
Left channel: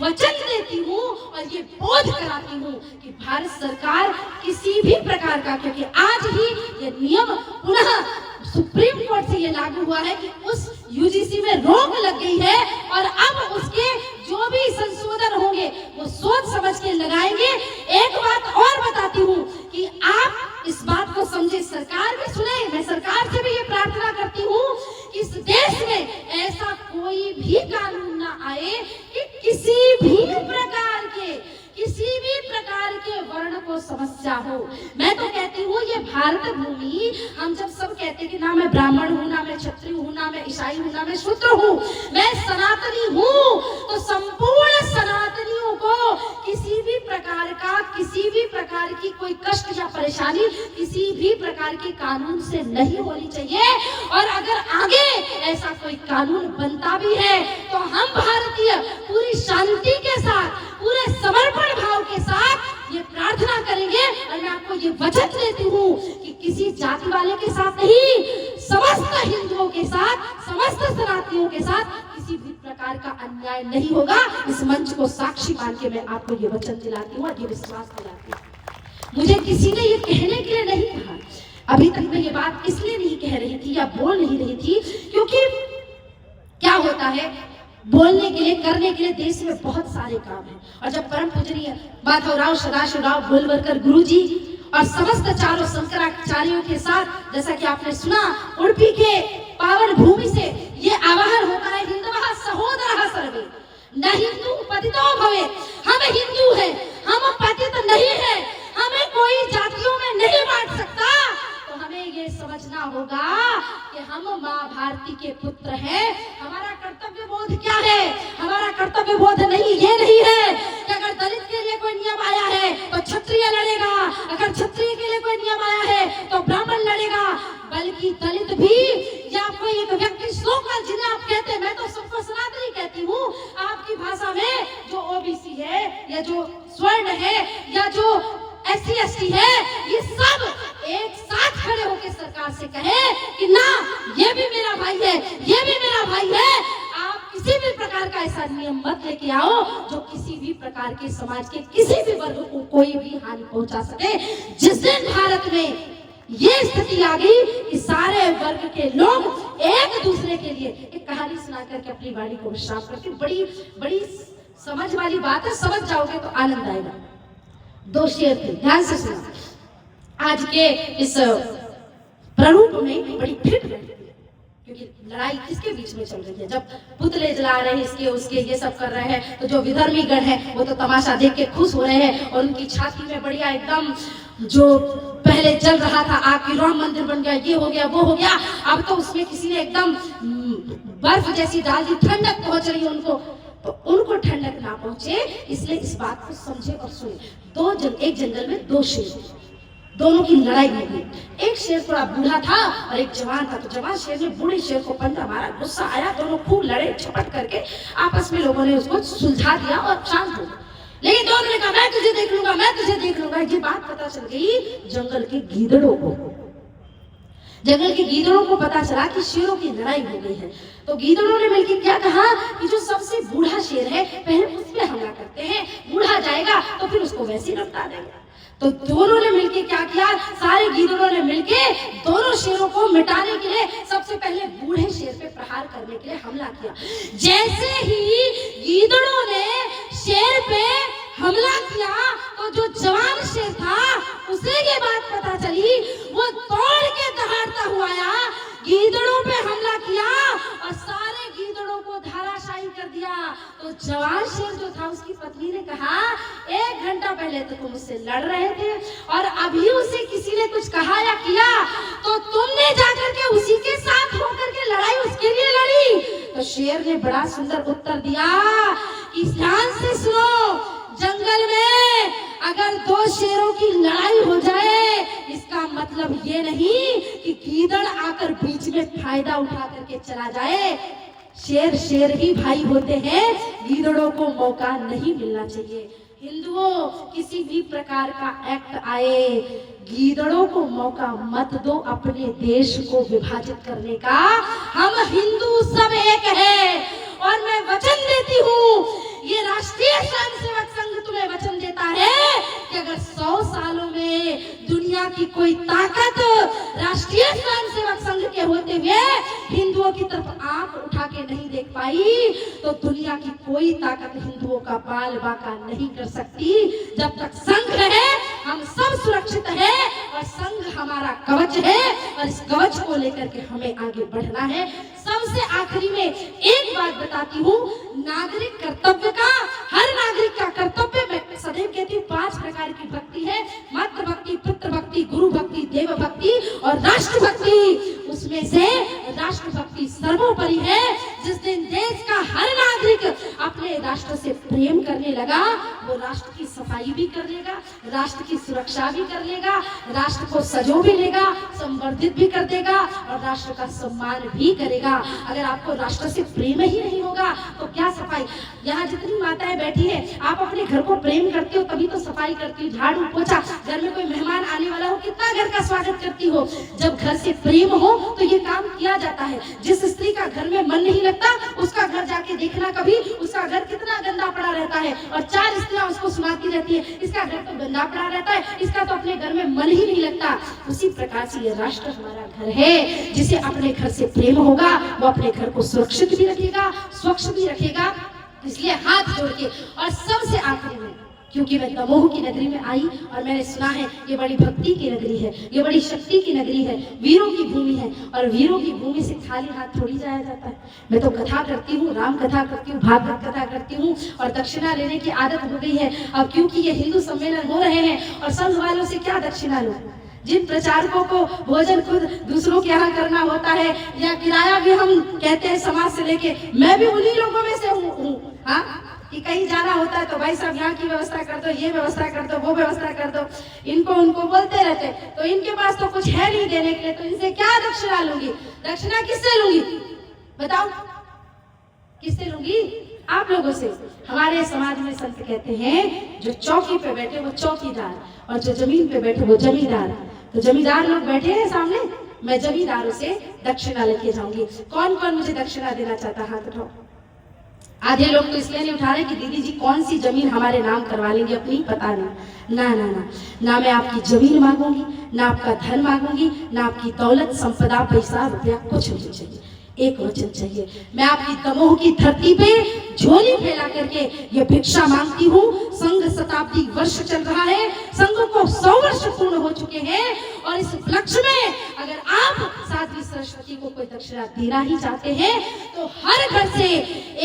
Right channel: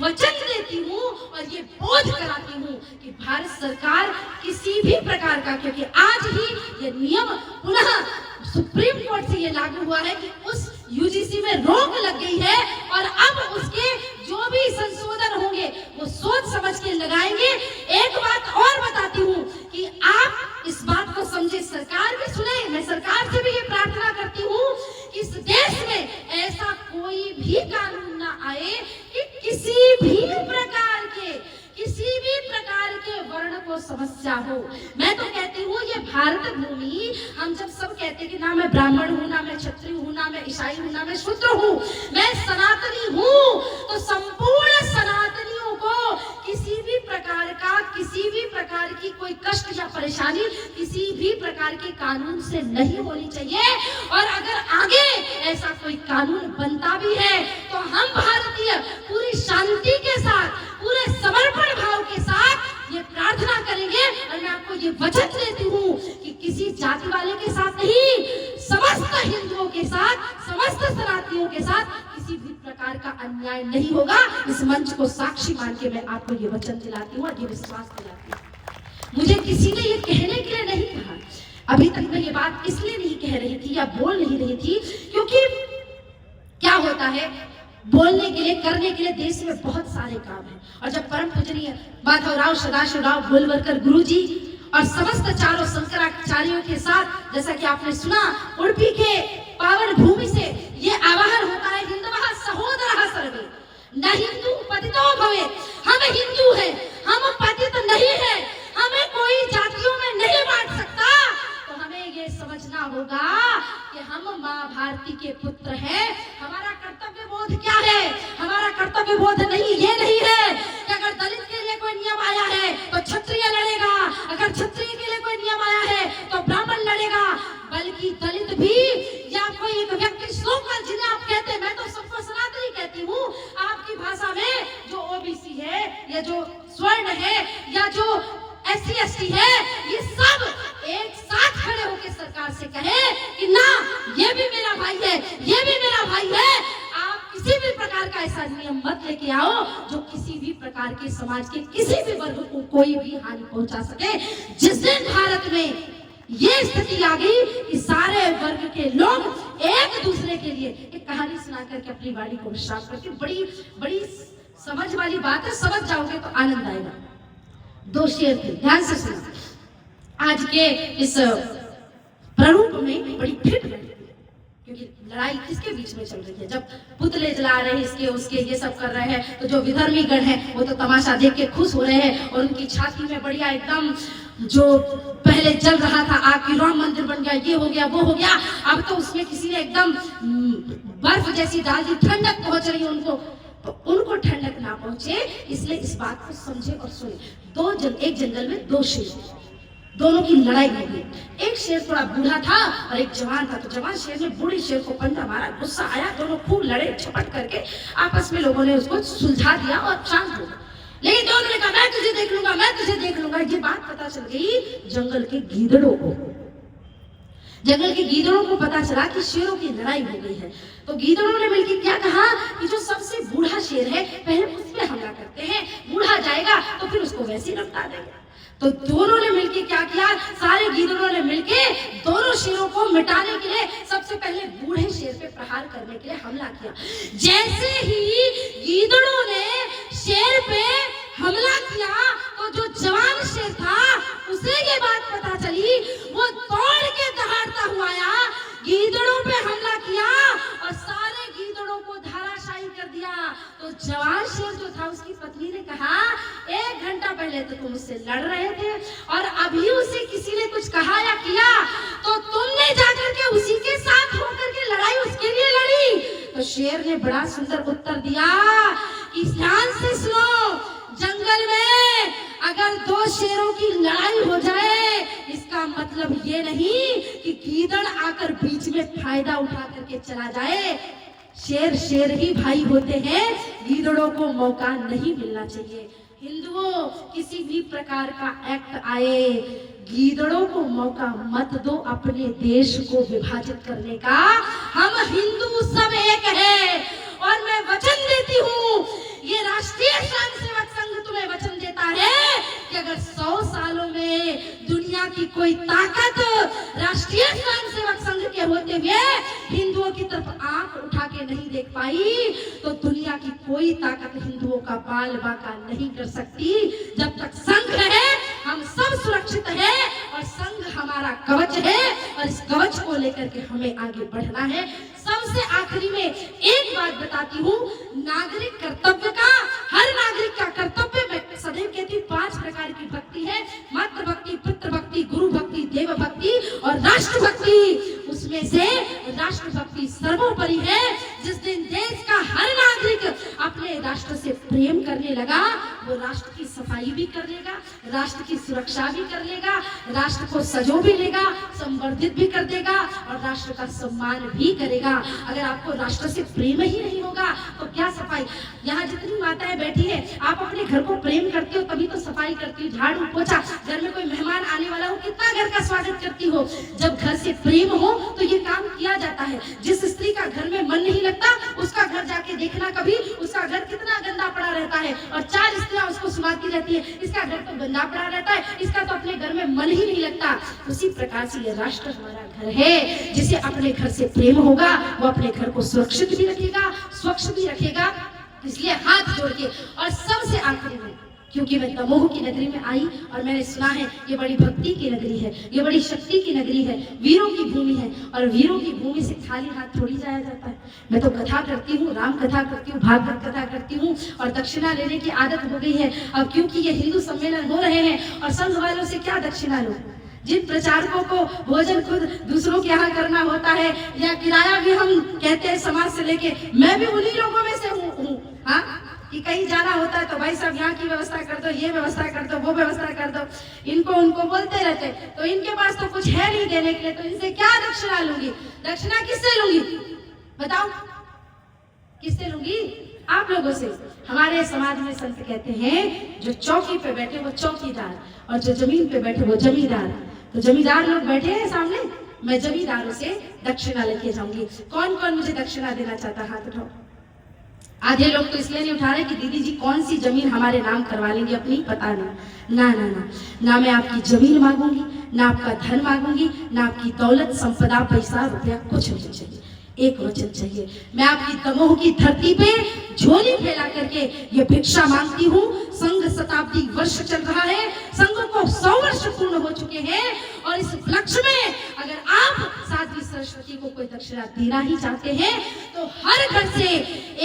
वचन देती हूँ और ये बोध कराती हूँ कि भारत सरकार किसी भी प्रकार का, क्योंकि आज ही ये नियम पुनः सुप्रीम कोर्ट से ये लागू हुआ है कि उस यूजीसी में रोक लग गई है और अब उसके जो भी संशोधन होंगे वो सोच समझ के लगाएंगे। एक बात और बताती हूँ कि आप इस बात को समझे, सरकार भी सुने। मैं सरकार से भी ये प्रार्थना करती हूँ कि इस देश में ऐसा कोई भी कानून ना आए कि किसी भी प्रकार के वर्ण को समस्या हो। मैं तो कहती हूँ ये भारत भूमि, हम जब सब कहते हैं कि ना मैं ब्राह्मण हूँ, ना मैं क्षत्रिय हूँ, ना मैं ईसाई हूँ, ना मैं शूद्र हूँ, मैं सनातनी हूँ, तो संपूर्ण सनातनियों को किसी भी प्रकार की कोई कष्ट या परेशानी किसी भी प्रकार के कानून से नहीं होनी चाहिए। और अगर आगे ऐसा कोई कानून बनता भी है तो हम भारतीय पूरी शांति के साथ, पूरे समर्पण भाव के साथ ये प्रार्थना करेंगे। और मैं आपको ये वचन देती हूँ कि किसी जाति वाले के साथ नहीं, समस्त हिंदुओं के साथ, समस्त सनातनियों के साथ किसी भी प्रकार का अन्याय नहीं होगा। इस मंच को साक्षी मान के मैं आपको ये वचन दिलाती हूँ और ये विश्वास दिलाती हूँ। मुझे किसी ने ये कहने के लिए नहीं कहा, अभी तक मैं ये बात इसलिए नहीं कह रही थी या बोल नहीं रही थी क्योंकि क्या होता है, बोलने के लिए, करने के लिए देश में बहुत सारे काम हैं। और जब परम पूजनीय माधवराव सदाशिवराव गोलवलकर गुरु जी और समस्त चारों शंकराचार्यों के साथ, जैसा कि आपने सुना, उडुपी के पावन भूमि से ये आवाहन होता है, हिंदवः सहोदरः सर्वे न हिंदू पतितो भवेत्। हम हिंदू हैं, हम पतित नहीं है, हमें कोई जातियों में नहीं बांट सकता। तो हमें ये समझना होगा कि हम माँ भारती के पुत्र हैं। हमारा कर्तव्य बोध क्या है? हमारा कर्तव्य बोध नहीं, ये नहीं है कि अगर दलित के लिए कोई नियम आया है तो क्षत्रिय लड़ेगा, अगर क्षत्रिय के लिए कोई नियम आया है तो ब्राह्मण लड़ेगा, बल्कि दलित भी या कोई एक व्यक्ति सोकर जिन्हें आप कहते हैं, मैं तो सबको सनातनी कहती हूँ, आपकी भाषा में जो ओबीसी है या जो स्वर्ण है या जो SC ST है, है, ये सब एक साथ खड़े होकर सरकार से कहे कि ना, ये भी मेरा भाई है, ये भी मेरा भाई है। आप किसी भी प्रकार का ऐसा नियम मत लेके आओ जो किसी भी प्रकार के समाज के किसी भी वर्ग को कोई भी हानि पहुंचा सके। जिस दिन भारत में ये स्थिति आ गई कि सारे वर्ग के लोग एक दूसरे के लिए, एक कहानी सुना करके अपनी वाणी को विश्राम करती हूँ। बड़ी बड़ी समझ वाली बात है, समझ जाओगे तो आनंद आएगा। दो शेर थे, ध्यान से सुना। आज के इस प्रारूप में बड़ी फिट लगी, क्योंकि लड़ाई किसके बीच में चल रही है। जब पुतले जला रहे हैं, इसके उसके ये सब कर रहे हैं, तो जो विधर्मी गण है वो तो तमाशा देख के खुश हो रहे हैं और उनकी छाती में बढ़िया एकदम, जो पहले चल रहा था आग की राम मंदिर बन गया, ये हो गया वो हो गया, अब तो उसमें किसी ने एकदम बर्फ जैसी डाल दी, ठंडक पहुंच रही है उनको। तो उनको ठंडक ना पहुंचे इसलिए इस बात को समझे और सुने। एक जंगल में दो शेर, दोनों की लड़ाई हो गई। एक शेर थोड़ा बूढ़ा था और एक जवान था। तो जवान शेर ने बूढ़े शेर को पंजा मारा, गुस्सा आया, दोनों खूब लड़े, झपट करके आपस में लोगों ने उसको सुलझा दिया और शांत हो गए। लेकिन दोनों ने कहा मैं तुझे देख लूंगा, मैं तुझे देख लूंगा। ये बात पता चल गई जंगल के गीदड़ों को। जंगल के गीदड़ों को पता चला कि शेरों की लड़ाई हो गई है। तो गीदड़ों ने मिलकर क्या कहा कि जो सबसे बूढ़ा शेर है पहले उस पे हमला करते हैं, बूढ़ा जाएगा तो फिर उसको वैसे ही निपटा देंगे। तो दोनों ने मिलके क्या किया, सारे गीदड़ों ने मिलके दोनों शेरों को मिटाने के लिए सबसे पहले बूढ़े शेर पे प्रहार करने के लिए हमला किया। जैसे ही गीदड़ों ने शेर पे हमला किया तो जो जवान शेर था उसे ये बात पता चली, वो दौड़ के दहाड़ता हुआ आया, गीदड़ों पे हमला किया और सारे गीदड़ों को धराशायी कर दिया। तो जवान शेर जो था उसकी पत्नी ने कहा 1 घंटा पहले तो तुम उससे लड़ रहे थे और अभी उसे किसी ने कुछ कहा या किया तो तुमने जाकर के उसी के साथ होकर के लड़ाई उसके लिए लड़ी। तो शेर ने बड़ा सुंदर उत्तर दिया कि ध्यान से सुनो, जंगल में अगर 2 शेरों की लड़ाई हो जाए इसका मतलब ये नहीं कि गीदड़ आकर बीच में फायदा उठा करके चला जाए। शेर शेर ही भाई होते हैं, गीदड़ों को मौका नहीं मिलना चाहिए। हिंदुओं, किसी भी प्रकार का एक्ट आए, गीदड़ों को मौका मत दो अपने देश को विभाजित करने का। हम हिंदू सब एक है और मैं वचन देती हूँ, ये राष्ट्रीय स्वयंसेवक संघ तुम्हें वचन देता है कि अगर 100 सालों में दुनिया की कोई ताकत राष्ट्रीय स्वयंसेवक संघ के होते हुए हिंदुओं की तरफ आंख उठा के नहीं देख पाई तो दुनिया की कोई ताकत हिंदुओं का बाल बाका नहीं कर सकती। जब तक संघ है हम सब सुरक्षित है और संघ हमारा कवच है और इस कवच को लेकर के हमें आगे बढ़ना है। सबसे आखिरी में एक बात बताती हूँ, नागरिक कर्तव्य का, हर नागरिक का कर्तव्य, मैं सदैव कहती हूँ 5 प्रकार की भक्ति है, मातृ भक्ति, पितृ भक्ति, गुरु भक्ति, देव भक्ति और राष्ट्र भक्ति। उसमें से राष्ट्र भक्ति सर्वोपरि है। जिस दिन देश का हर नागरिक अपने राष्ट्र से प्रेम करने लगा वो राष्ट्र की सफाई भी कर लेगा, राष्ट्र की सुरक्षा भी कर लेगा, राष्ट्र को सजो भी लेगा, संवर्धित भी कर देगा और राष्ट्र का सम्मान भी करेगा। अगर आपको राष्ट्र से प्रेम ही नहीं होगा तो क्या सफाई। यहाँ जितनी माताएं बैठी है आप अपने घर को प्रेम करती हो तभी तो सफाई करती हो, झाड़ू पोछा, घर में कोई मेहमान आने वाला हो कितना घर का स्वागत करती हो। जब घर से प्रेम हो तो ये काम किया जाता है। जिस स्त्री का घर में मन नहीं लगता उसका घर जाके देखना कभी, उसका घर कितना गंदा पड़ा रहता है और 4 स्त्रियां उसको सुनाती रहती है इसका घर तो गंदा पड़ा रहता है, इसका तो अपने घर में मन ही नहीं लगता। उसी प्रकार से ये राष्ट्र हमारा घर है, जिसे अपने घर से प्रेम होगा वो अपने घर को सुरक्षित भी रखेगा, स्वच्छ भी रखेगा। इसलिए हाथ जोड़ के, और सबसे आखिरी में, क्योंकि मैं दमोह की नगरी में आई और मैंने सुना है ये बड़ी भक्ति की नगरी है, ये बड़ी शक्ति की नगरी है, वीरों की भूमि है और वीरों की भूमि से खाली हाथ थोड़ी जाया जाता है। मैं तो कथा करती हूँ, राम कथा करती हूँ, भागवत कथा करती हूँ और दक्षिणा लेने की आदत हो गई है। अब क्योंकि ये हिंदू सम्मेलन हो रहे हैं और संघ वालों से क्या दक्षिणा लो। जिन प्रचारकों को भोजन खुद दूसरों के यहाँ करना होता है या किराया भी हम कहते हैं समाज से लेके, मैं भी उन्हीं लोगों में से हूँ। हाँ, कि कहीं जाना होता है तो भाई साहब यहाँ की व्यवस्था कर दो, ये व्यवस्था कर दो, वो व्यवस्था कर दो, इनको उनको बोलते रहते। तो इनके पास तो कुछ है नहीं देने के लिए, तो इनसे क्या दक्षिणा लूंगी। दक्षिणा किससे लूंगी बताओ, किससे लूंगी। आप लोगों से। हमारे समाज में संत कहते हैं जो चौकी पे बैठे वो चौकीदार और जो जमीन पे बैठे वो जमींदार। तो जमींदार लोग बैठे हैं सामने, मैं जमींदारों से दक्षिणा लेके जाऊंगी। कौन कौन मुझे दक्षिणा देना चाहता, हाथ उठाओ। आधे लोग तो इसलिए नहीं उठा रहे कि दीदी जी कौन सी जमीन हमारे नाम करवा लेंगे अपनी, पता नहीं। ना ना ना ना, मैं आपकी जमीन मांगूंगी, ना आपका धन मांगूंगी, ना आपकी दौलत संपदा पैसा रुपया कुछ नहीं चाहिए। एक वचन चाहिए, मैं आपकी दमोह की धरती पे झोली फैला करके ये भिक्षा मांगती हूँ। संघ शताब्दी वर्ष चल रहा है, संघ को 100 वर्ष पूर्ण हो चुके हैं और इस उपलक्ष्य में अगर आप साध्वी सरस्वती को कोई दक्षिणा देना ही चाहते हैं तो हर घर से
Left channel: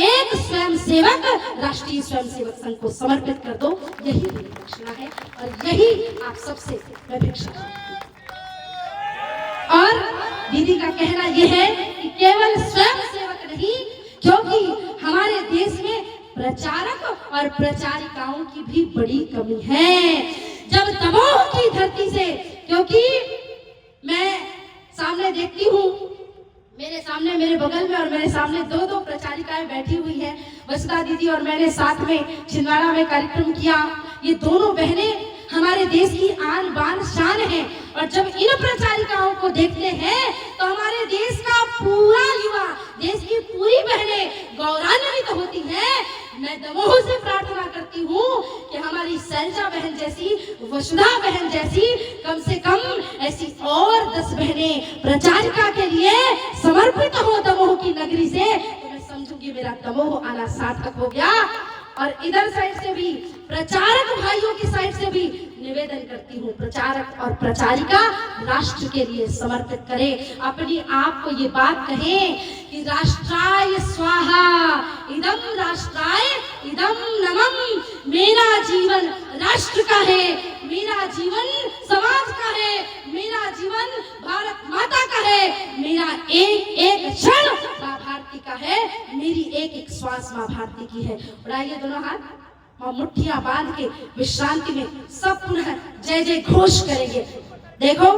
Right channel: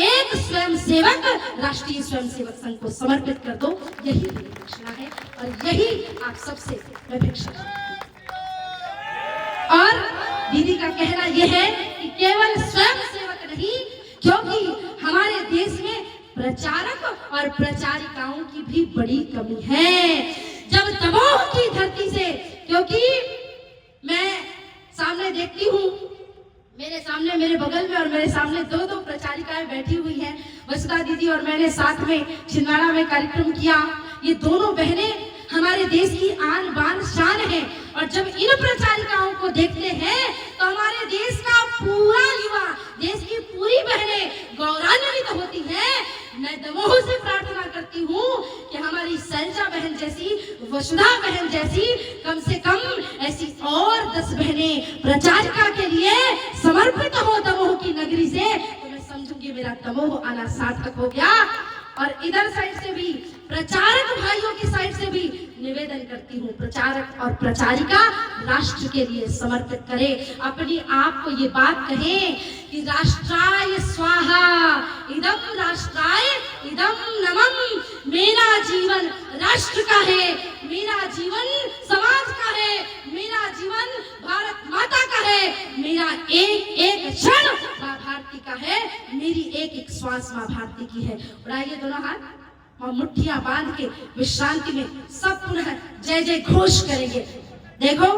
एक स्वयं सेवक राष्ट्रीय स्वयं सेवक संघ को समर्पित कर दो। यही मेरी दक्षिणा है और यही आप सबसे मैं भिक्षा मांगती हूँ। और दीदी का कहना यह है कि केवल स्वयं सेवक नहीं, क्योंकि हमारे देश में प्रचारक और प्रचारिकाओं की भी बड़ी कमी है। जब दमोह की धरती से, क्योंकि मैं सामने देखती हूँ, मेरे सामने मेरे बगल में और मेरे सामने दो प्रचारिकाएं बैठी हुई हैं। वसुधा दीदी और मैंने साथ में छिंदवाड़ा में कार्यक्रम किया। ये दोनों बहनें हमारे देश की आन बान शान है और जब इन प्रचारिकाओं को देखते हैं तो हमारे देश का पूरा युवा, देश की पूरी बहनें गौरवान्वित होती है। मैं दमोह से प्रार्थना करती हूँ कि हमारी शैलजा बहन जैसी, वसुधा बहन जैसी कम से कम ऐसी और 10 बहनें प्रचारिका के लिए समर्पित हो दमोह की नगरी से, तो मैं समझूंगी मेरा दमोह आना सार्थक हो गया। और इधर साइड से भी प्रचारक भाइयों की साइड से भी निवेदन करती हूँ, प्रचारक और प्रचारिका राष्ट्र के लिए समर्पित करें। अपनी आप को ये बात कहें कि राष्ट्राय स्वाहा इदम राष्ट्राय इदम नमः। मेरा जीवन राष्ट्र का है, मेरा जीवन समाज का है, मेरा जीवन भारत माता का है, मेरा एक एक क्षण माँ भारती का है, मेरी एक एक श्वास माँ भारती की है। उड़ाइए दोनों हाथ और मुट्ठियां बांध के विश्रांति में सब पुनः जय जय घोष करेंगे। देखो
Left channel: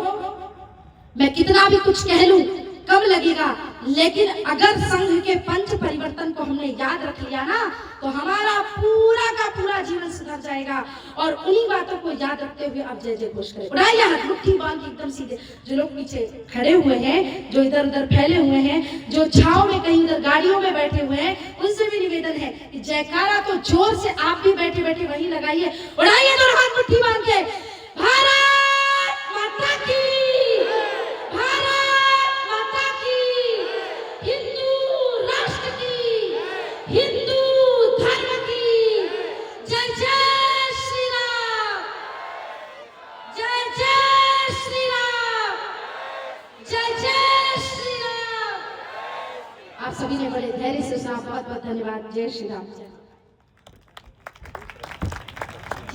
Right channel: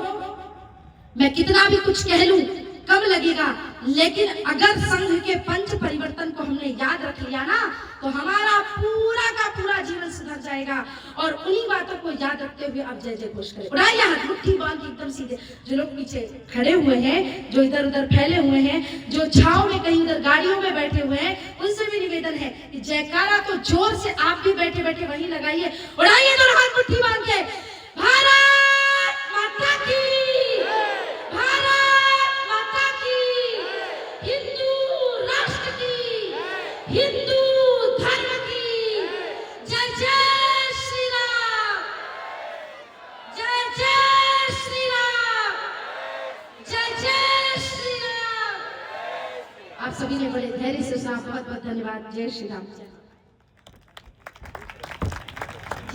मैं कितना भी कुछ कह लूं कम लगेगा, लेकिन अगर संघ के पंच परिवर्तन को हमने याद रख लिया ना तो हमारा पूरा का पूरा जीवन सुधर जाएगा। और उन्हीं बातों को याद रखते हुए आप जय जय घोष करें। उड़ाइए हाथ, मुट्ठी बांध के एकदम सीधे। जो लोग पीछे खड़े हुए हैं, जो इधर उधर फैले हुए हैं, जो छाव में कहीं उधर गाड़ियों में बैठे हुए हैं, उनसे भी निवेदन है कि जयकारा तो जोर से आप भी बैठे बैठे वहीं लगाइए। उड़ाइए दोनों हाथ मुट्ठी बांध के। भारत माता की, हिंदू धर्म की जय जय श्री राम, जय जय श्री राम, जय जय श्री राम। आप सभी ने बड़े धैर्य से सुना, बहुत बहुत धन्यवाद। जय श्री राम।